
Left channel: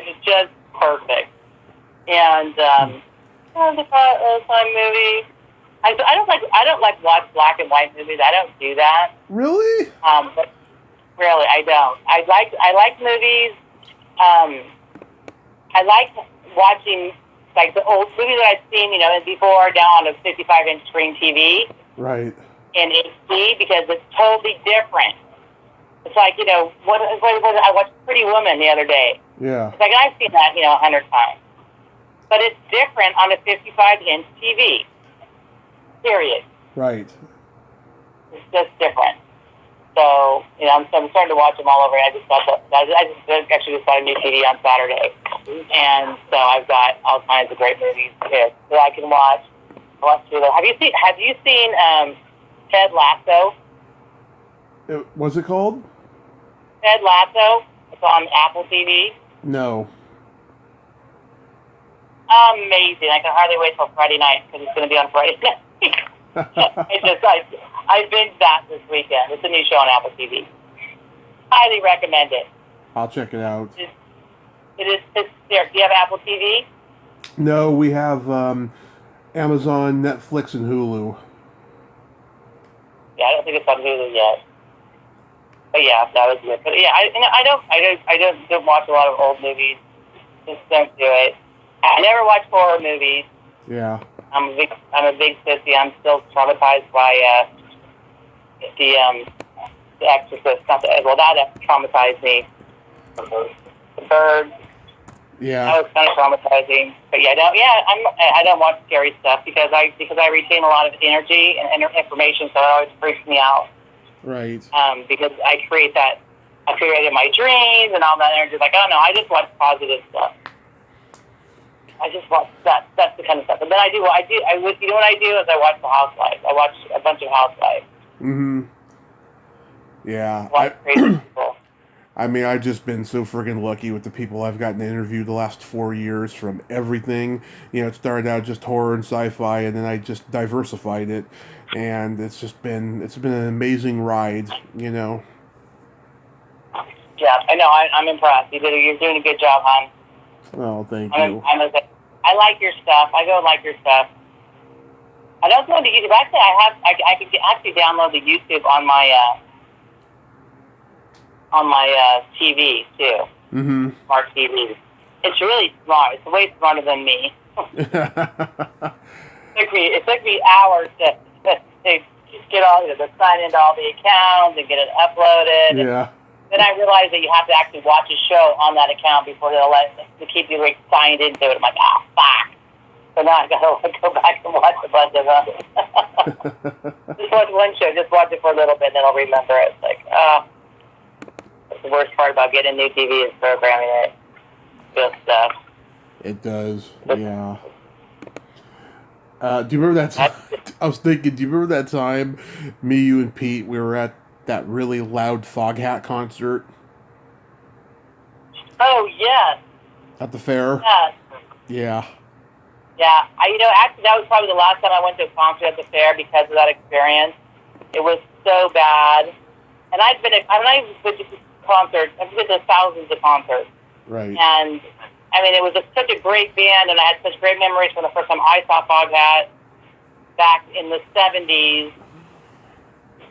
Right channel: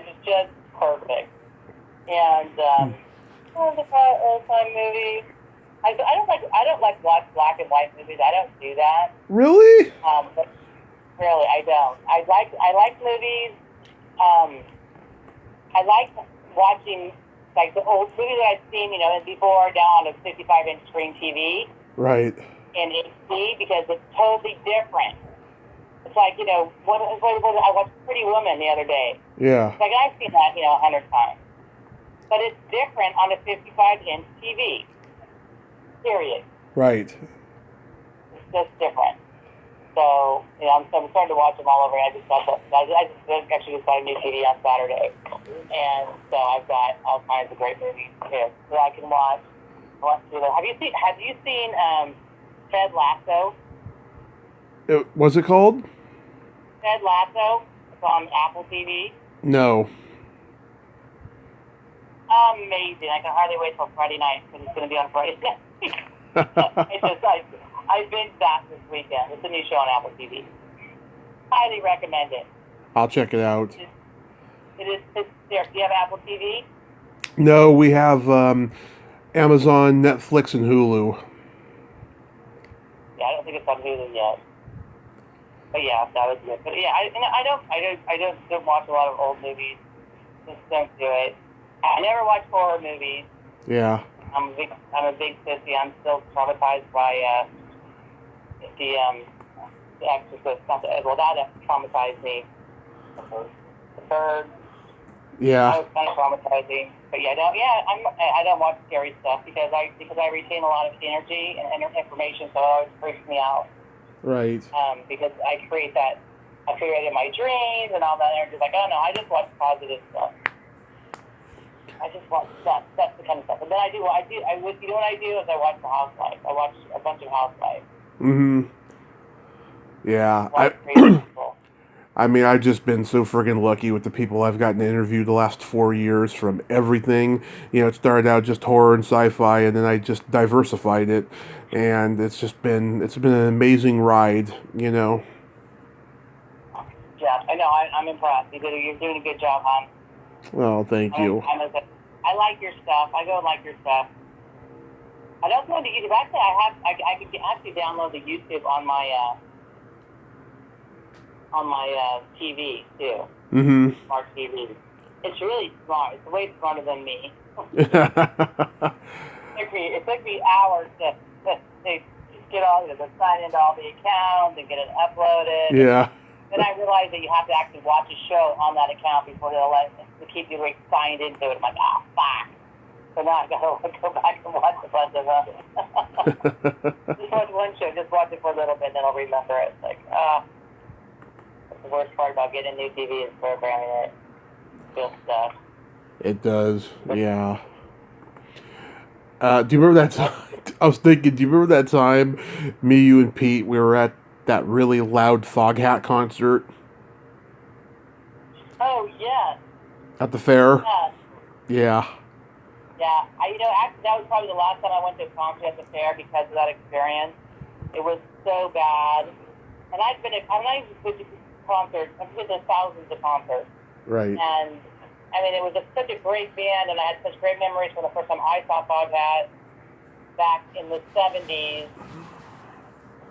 It's just perfect. And the fun movie. I don't like watch black and white movies. I don't do that. Really? But really, I don't. I like movies. I like watching like the old movies that I've seen, before down on a 55-inch screen TV. Right. In HD because it's totally different. It's like, what I watched Pretty Woman the other day. Yeah. It's like, I've seen that, 100 times. But it's different on a 55-inch TV. Period. Right. It's just different. So, I'm starting to watch them all over. I just actually just bought a new TV on Saturday. And so I've got all kinds of great movies here that I can watch. Have you seen Ted Lasso? What's it called? Ted Lasso. It's on Apple TV. No. Amazing. I can hardly wait till Friday night because it's going to be on Friday night. I binged that this weekend. It's a new show on Apple TV. Highly recommend it. I'll check it out. It's there. Do you have Apple TV? No, we have Amazon, Netflix, and Hulu. Yeah, I don't think it's on Hulu yet. But yeah, that was good. But yeah, I don't watch a lot of old movies. Just don't do it. I never watch horror movies. Yeah. I'm a big sissy. I'm still traumatized by the Exorcist. That traumatized me. The Bird. Yeah. That was kind of traumatizing. But yeah, I don't watch scary stuff because I retain a lot of energy and information, so it always freaks me out. Right. Because I created my dreams and all that energy. Like, oh no, I just watch positive stuff. I just watch that. That's the kind of stuff. And then you know what I do is I watch The Housewives. I watch a bunch of Housewives. Mm-hmm. Yeah. I mean, I've just been so friggin' lucky with the people I've gotten to interview the last 4 years from everything. It started out just horror and sci-fi, and then I just diversified it. And it's been an amazing ride, Yeah, I know. I'm impressed. You're doing a good job, hon. Well, thank you. I like your stuff. I go and like your stuff. I don't go to YouTube. Actually, I can actually download the YouTube on my TV too. Mm-hmm. Smart TV. It's really smart. It's way smarter than me. It took me hours to get all to sign into all the accounts and get it uploaded. Yeah. Then I realized that you have to actually watch a show on that account before they'll to keep you signed into it. I'm like, fuck. So now I gotta go back and watch a bunch of them. Just watch one show. Just watch it for a little bit, and then I'll remember it. It's like, that's the worst part about getting a new TV is programming it. Good stuff. It does, yeah. Do you remember that time? I was thinking, do you remember that time me, you, and Pete, we were at that really loud Foghat concert? Oh, yes. At the fair? Yes. Yeah. Yeah. Actually, that was probably the last time I went to a concert at the fair because of that experience. It was so bad. And I've been to concerts. I've been to thousands of concerts. Right. And I mean, it was such a great band, and I had such great memories from the first time I saw Foghat back in the 70s.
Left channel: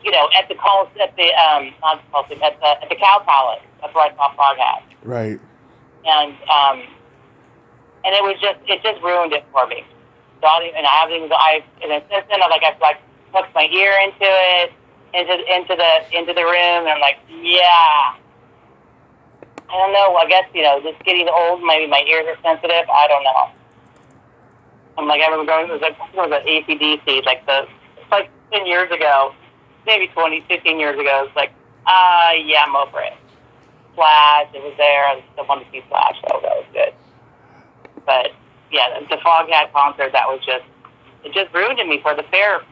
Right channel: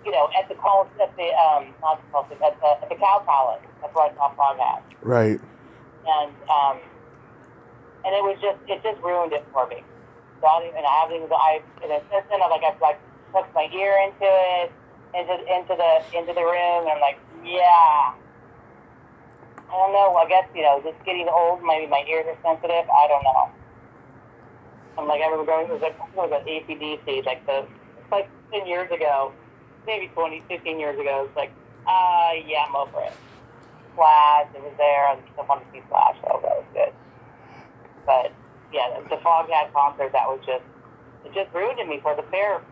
At the Cow Palace. That's where I saw Foghat. Right. And it just ruined it for me. So since then I put my ear into it, into the room, and I'm like, yeah. I don't know. I guess just getting old, maybe my ears are sensitive. I don't know. I'm like, I remember going. It was an ACDC, it's like 10 years ago, maybe 15 years ago. It's like, yeah, I'm over it. Splat, it was there. I still wanted to see Splat, so that was good. But yeah, the Foghat concert, it just ruined me for the fair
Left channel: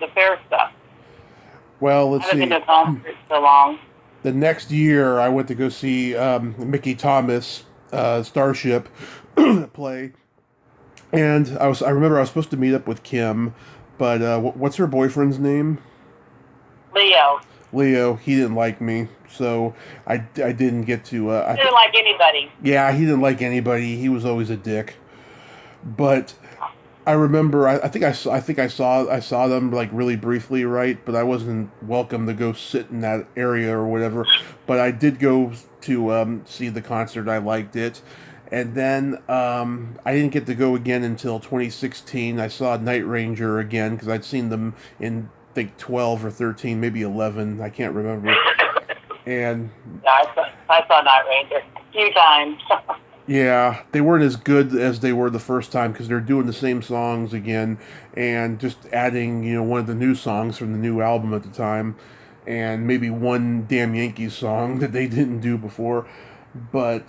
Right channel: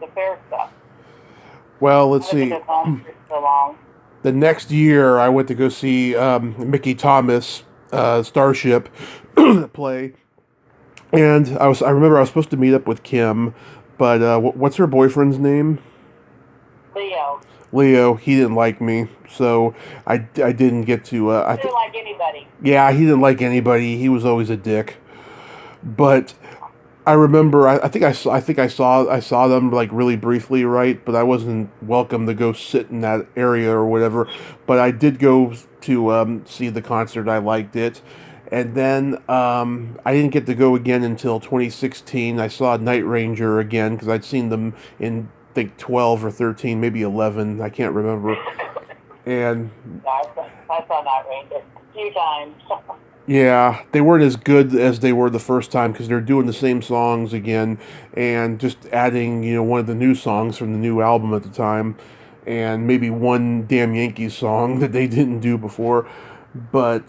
stuff. Well, let's see. I haven't been to concerts so long. The next year, I went to go see Mickey Thomas Starship play, and I remember I was supposed to meet up with Kim, but what's her boyfriend's name? Leo. He didn't like me, so I didn't get to. He didn't like anybody. Yeah, he didn't like anybody. He was always a dick. But I remember, I think I saw them like really briefly, right? But I wasn't welcome to go sit in that area or whatever. But I did go to see the concert. I liked it, and then I didn't get to go again until 2016. I saw Night Ranger again because I'd seen them in I think 12 or 13, maybe 11. I can't remember. And I saw Night Ranger a few times. yeah, they weren't as good as they were the first time because they're doing the same songs again and just adding, one of the new songs from the new album at the time and maybe one Damn Yankees song that they didn't do before. But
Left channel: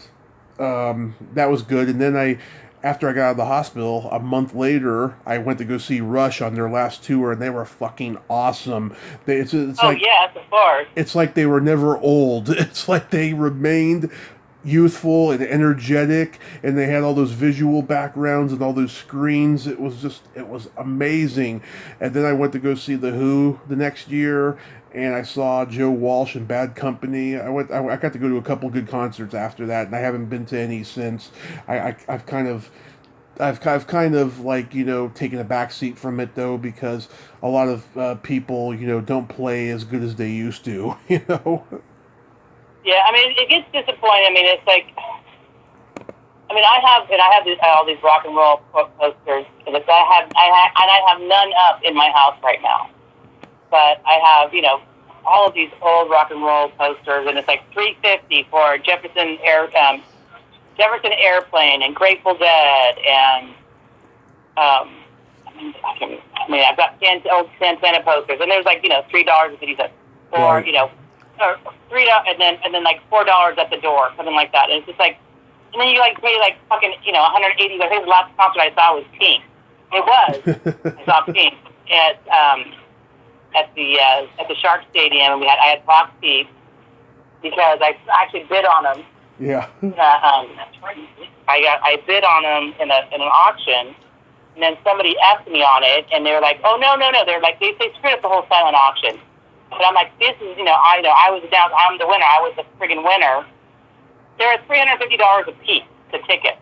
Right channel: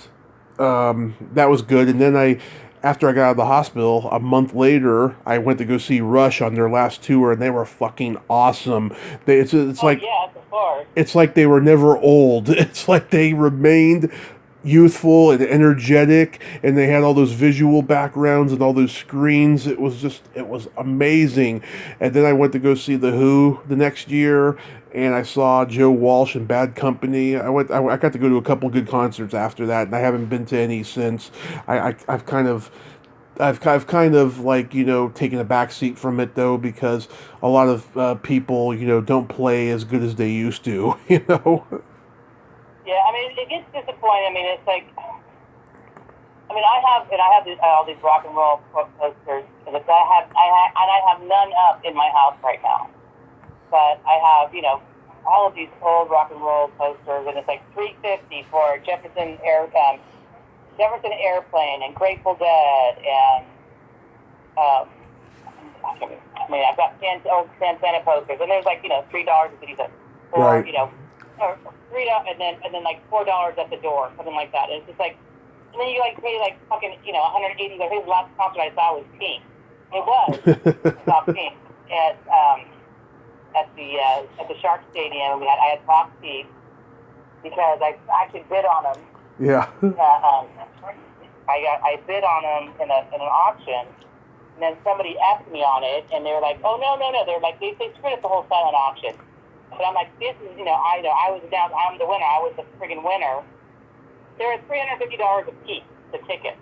that was good. And then after I got out of the hospital, a month later, I went to go see Rush on their last tour, and they were fucking awesome. It's like yes, of course. It's like they were never old. It's like they remained youthful and energetic, and they had all those visual backgrounds and all those screens. It was amazing. And then I went to go see The Who the next year, and I saw Joe Walsh and Bad Company. I got to go to a couple good concerts after that, and I haven't been to any since. I've kind of like, taken a back seat from it though, because a lot of people, don't play as good as they used to, Yeah, I mean, it gets disappointing. I mean, it's like, I have all these rock and roll posters, and I have none up in my house right now. But I have, all of these old rock and roll posters, and it's like $350 for Jefferson Airplane and Grateful Dead and I've got old Santana posters, and there's like $3.50 for Right. or $3 and then like $4 at the door, something like that. And it's just like, and then you like pay like fucking $180. I think the last concert I saw was Pink. It was. I saw Pink at the Shark Stadium, and I had box seats because I actually bid on them. Yeah. I bid on them in an auction, and then somebody asked me on it, and they were like, "Oh no!" They're like, they screwed up the whole silent auction. But I'm like, this is, I was down. I'm the winner. I was the friggin' winner. They were $350 a piece, the ticket.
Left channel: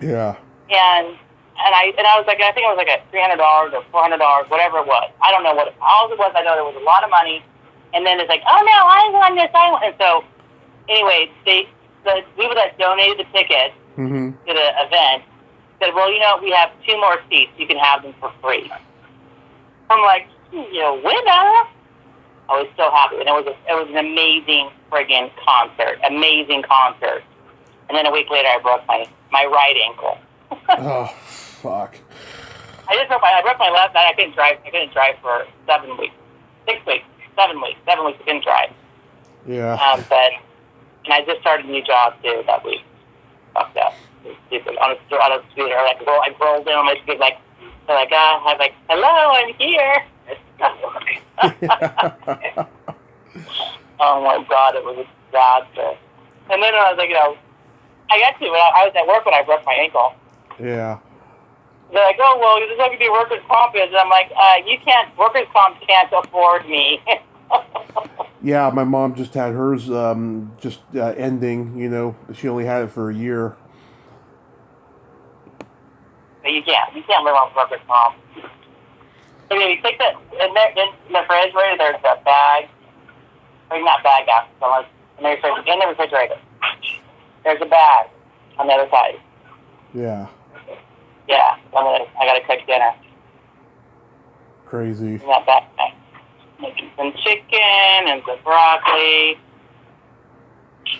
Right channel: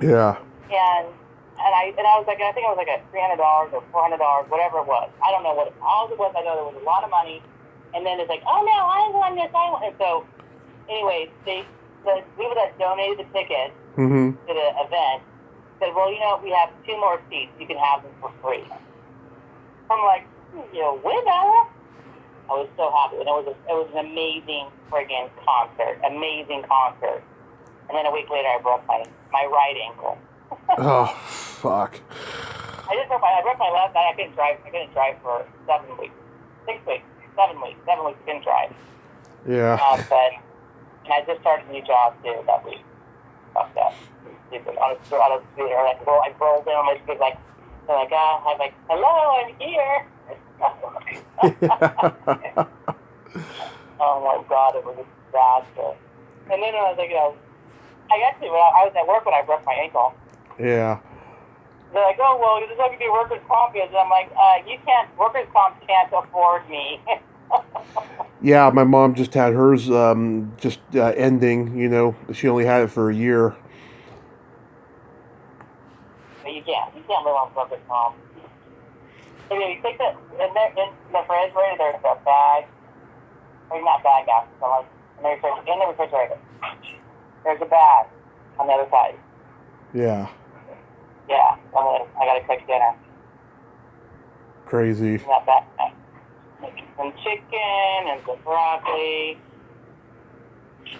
Yeah. And I was like, I think it was like a $300 or $400, whatever it was. I don't know what all it was. I know there was a lot of money. And then it's like, oh no, I won this. And so, anyway, the people that donated the ticket Mm-hmm. to the event said, well, we have 2 more seats. You can have them for free. I'm like, winner. I was so happy, and it was an amazing friggin' concert, amazing concert. And then a week later, I broke my right ankle. Oh, fuck. I broke my left. I couldn't drive for 7 weeks, 6 weeks, 7 weeks. 7 weeks I couldn't drive. Yeah. And I just started a new job too that week. Fucked up. On a scooter, I rolled in on my scooter, I was like, hello, I'm here. Oh my God, it was a disaster. And then I was like, I got to. I was at work when I broke my ankle. Yeah. They're like, oh well, this is going to be workers' comp, and I'm like, workers' comp can't afford me. Yeah, my mom just had hers ending. She only had it for a year. You can't live on workers' comp. So you take that in the refrigerator. There's a bag. I mean, not bag after in the refrigerator. There's a bag on the other side. Yeah. Yeah, I gotta cook dinner. Crazy. That bag. Making some chicken and some broccoli.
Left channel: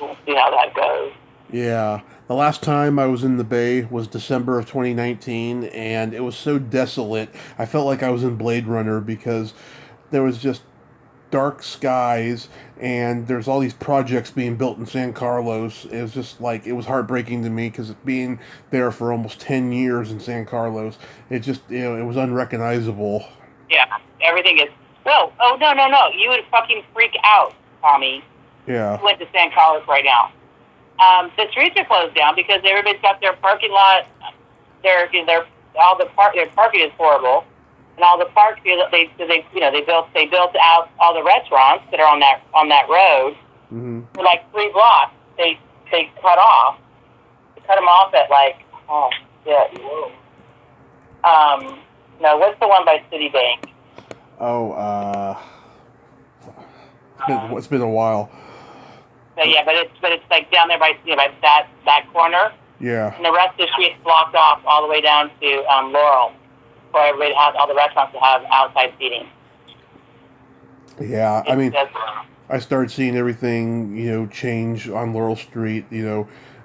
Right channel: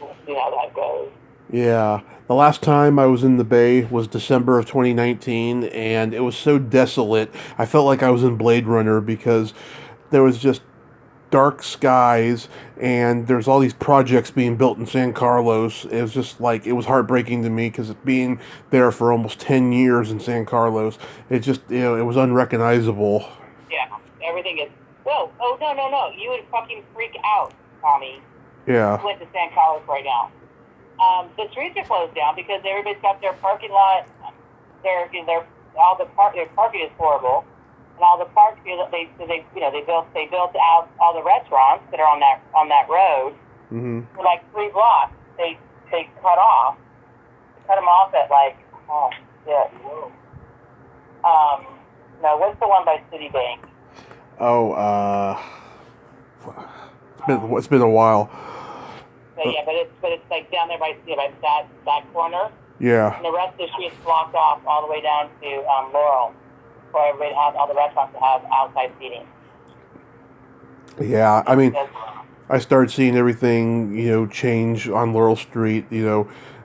We'll see how that goes. Yeah. The last time I was in the Bay was December of 2019, and it was so desolate. I felt like I was in Blade Runner because there was just dark skies, and there's all these projects being built in San Carlos. It was just like, it was heartbreaking to me because being there for almost 10 years in San Carlos, it just, it was unrecognizable. Yeah, everything is, no. You would fucking freak out, Tommy. Yeah. I went to San Carlos right now. The streets are closed down because everybody's got their parking lot. Their parking is horrible, and all the parks they built out all the restaurants that are on that road for like 3 blocks. They cut off. They cut them off at like no, what's the one by Citibank? Oh, it's been a while. Yeah, but it's like down there by that corner. Yeah. And the rest of the street is blocked off all the way down to Laurel, where everybody has all the restaurants to have outside seating. Yeah, I mean, I started seeing everything, change on Laurel Street,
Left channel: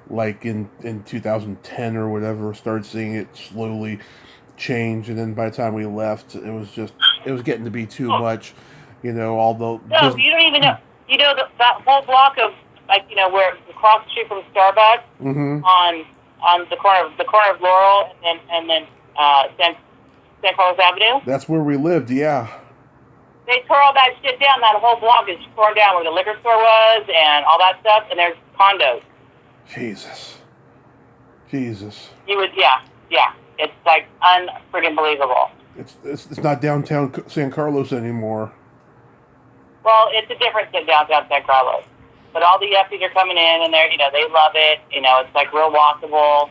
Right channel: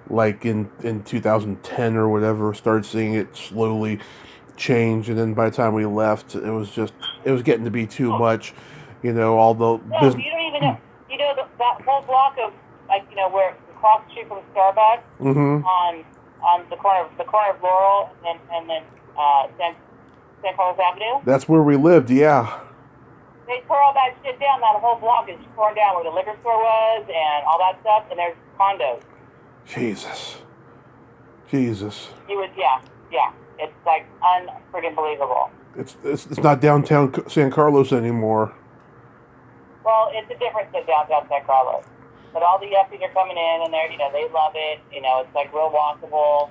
like in 2010 or whatever. Started seeing it slowly change, and then by the time we left, it was getting to be too much. All the No, you don't even know. You know that whole block of where across the street from Starbucks Mm-hmm. on the corner of Laurel and then San Carlos Avenue. That's where we lived. Yeah. They tore all that shit down. That whole block is torn down where the liquor store was and all that stuff. And there's condos. Jesus. He was yeah. It's like unfreaking believable. It's not downtown San Carlos anymore. Well, it's a difference in downtown San Carlos. But all the yuppies are coming in, and they love it. It's like real walkable.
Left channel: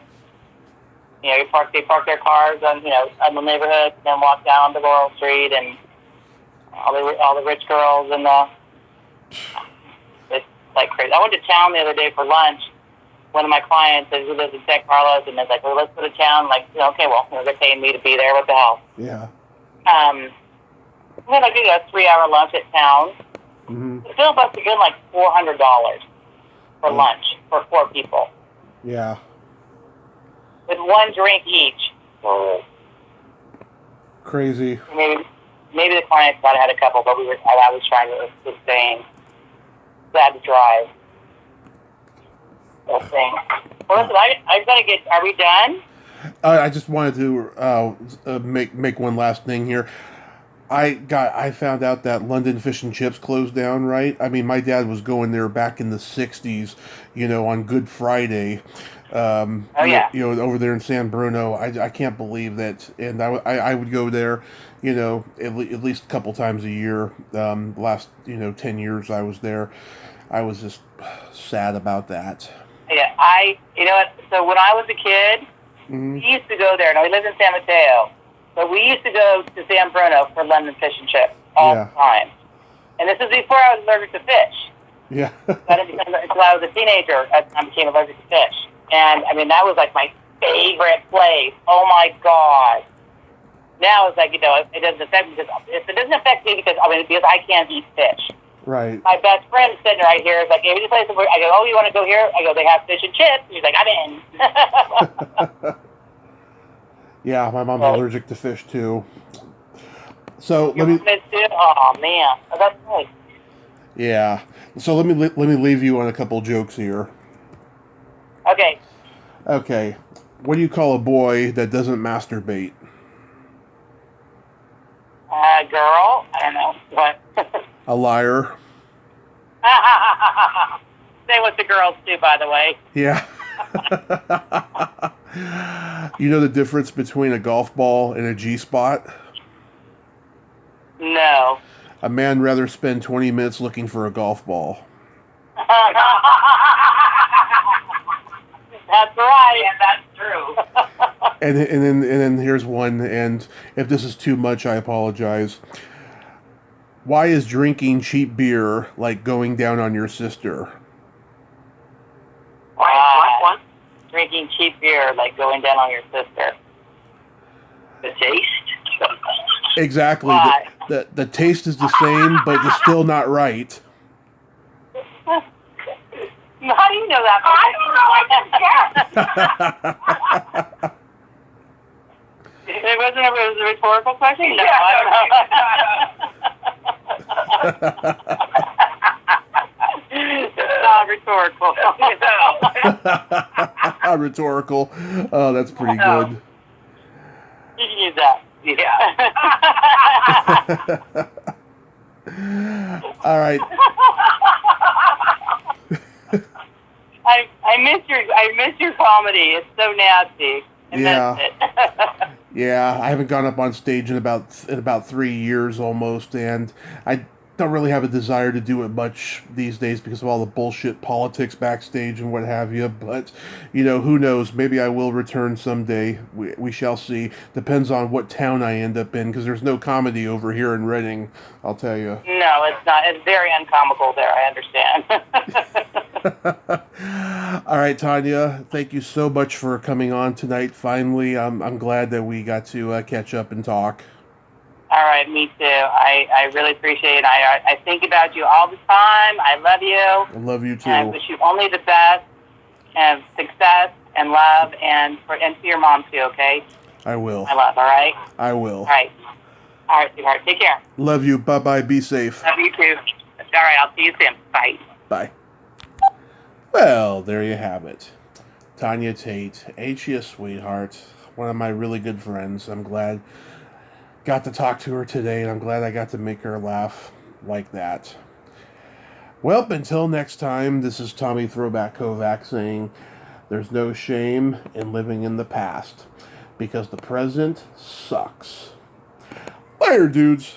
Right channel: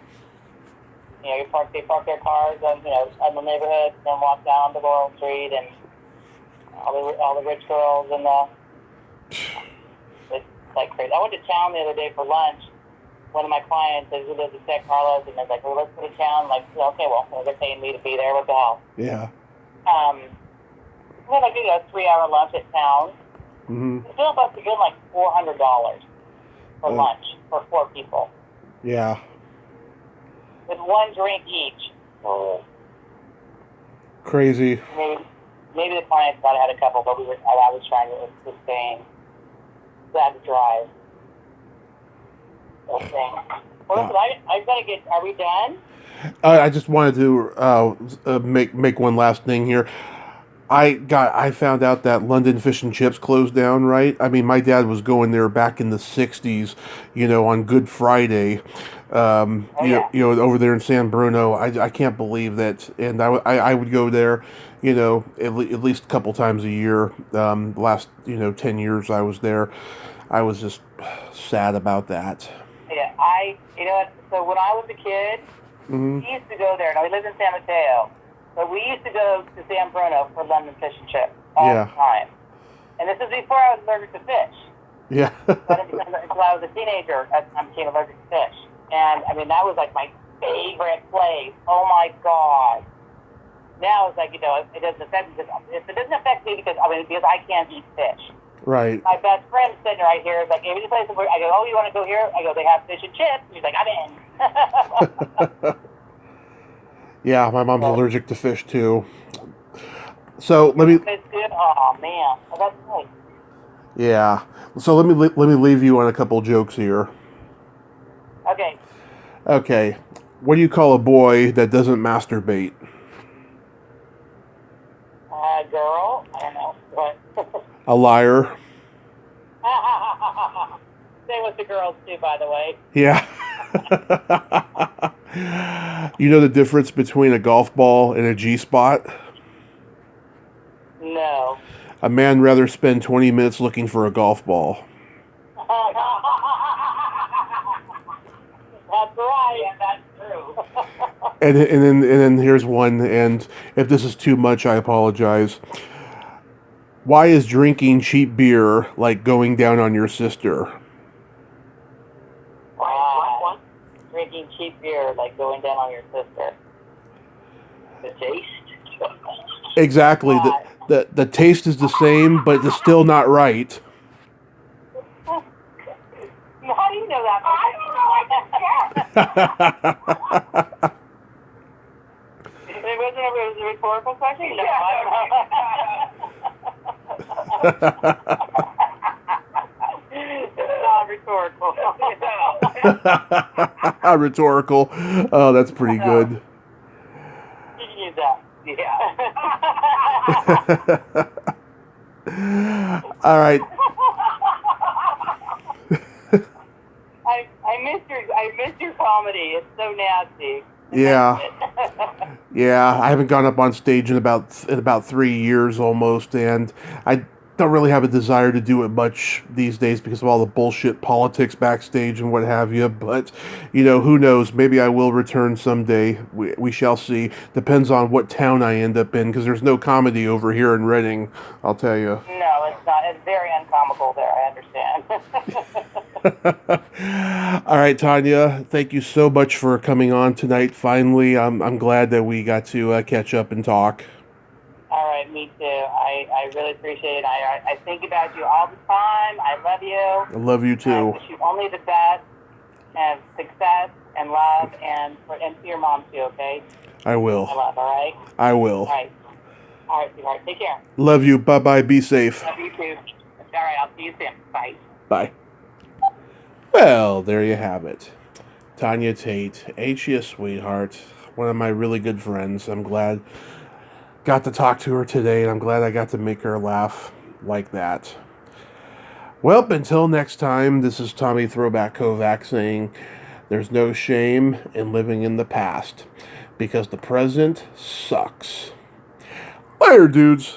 They park their cars on the neighborhood, and then walk down to Laurel Street, and all the rich girls and it's like crazy. I went to town the other day for lunch. One of my clients who lives in San Carlos, and they're like, "Well, let's go to town." Like, okay, well, they're paying me to be there. What the hell? Yeah. We had like a 3-hour lunch at town. Mm-hmm. The bill must have been like $400 for lunch for 4 people. Yeah. With 1 drink each. Crazy. Maybe the clients might have had a couple, but I was trying to sustain that drive. That thing. Well, listen, I gotta get. Are we done? I just wanted to make one last thing here. I found out that London Fish and Chips closed down, right? I mean, my dad was going there back in the 60s, on Good Friday. Yeah. Over there in San Bruno. I can't believe that. And I would go there, at least a couple times a year. Last, 10 years I was there. I was just sad about that. Yeah, so when I was a kid, Mm-hmm. we used to go there. Now, we lived in San Mateo, but we used to go to San Bruno for London Fish and Chips all the time. And this is before I was allergic to fish. Yeah. But until I was a teenager, I became allergic to fish. And, that was like my favorite place. Oh, my God. Now it's like, it doesn't affect me because I can't eat fish. Right. My best friend is sitting right here. Is like, hey, we just play somewhere. I go, oh, you want to go here? I go, they have fish and chips. He's like, I'm in. Yeah, my mom's allergic to fish too. So let me. Oh man, that's good. Yeah. So let me leave you on a couple jokes here. Okay. Okay. What do you call a boy that doesn't masturbate? Girl. I don't know what. A liar. Say what the girls do, by the way. Yeah. You know the difference between a golf ball and a G-spot? No. A man rather spend 20 minutes looking for a golf ball. That's right, and that's true. And then here's one, and if this is too much, I apologize. Why is drinking cheap beer like going down on your sister? Drinking cheap beer like going down on your sister. The taste? Exactly. The taste is the same, but it's still not right. How do you know that? I don't know. It was a rhetorical question? No, rhetorical. Rhetorical. Oh, that's pretty good. You can use that. Yeah. All right. I miss your comedy. It's so nasty. Yeah. Yeah, I haven't gone up on stage in about 3 years almost, and I don't really have a desire to do it much these days because of all the bullshit politics backstage and what have you. But, who knows? Maybe I will return someday. We shall see. Depends on what town I end up in, because there's no comedy over here in Reading, I'll tell you. No, it's not. It's very uncomical there, I understand. All right, Tanya, thank you so much for coming on tonight. Finally, I'm glad that we got to catch up and talk. All right, me too. I really appreciate it. I think about you all the time. I love you. I love you too. And I wish you only the best and success and love and for your mom too, okay? I will. I love, all right? I will. All right. All right, sweetheart. Take care. Love you. Bye-bye. Be safe. Love you too. All right, I'll see you soon. Bye. Bye. Well, there you have it. Tanya Tate. Ain't she a sweetheart? One of my really good friends. I'm glad got to talk to her today, and I'm glad I got to make her laugh like that. Well, until next time, this is Tommy Throwback Kovac saying there's no shame in living in the past because the present sucks. Later, dudes.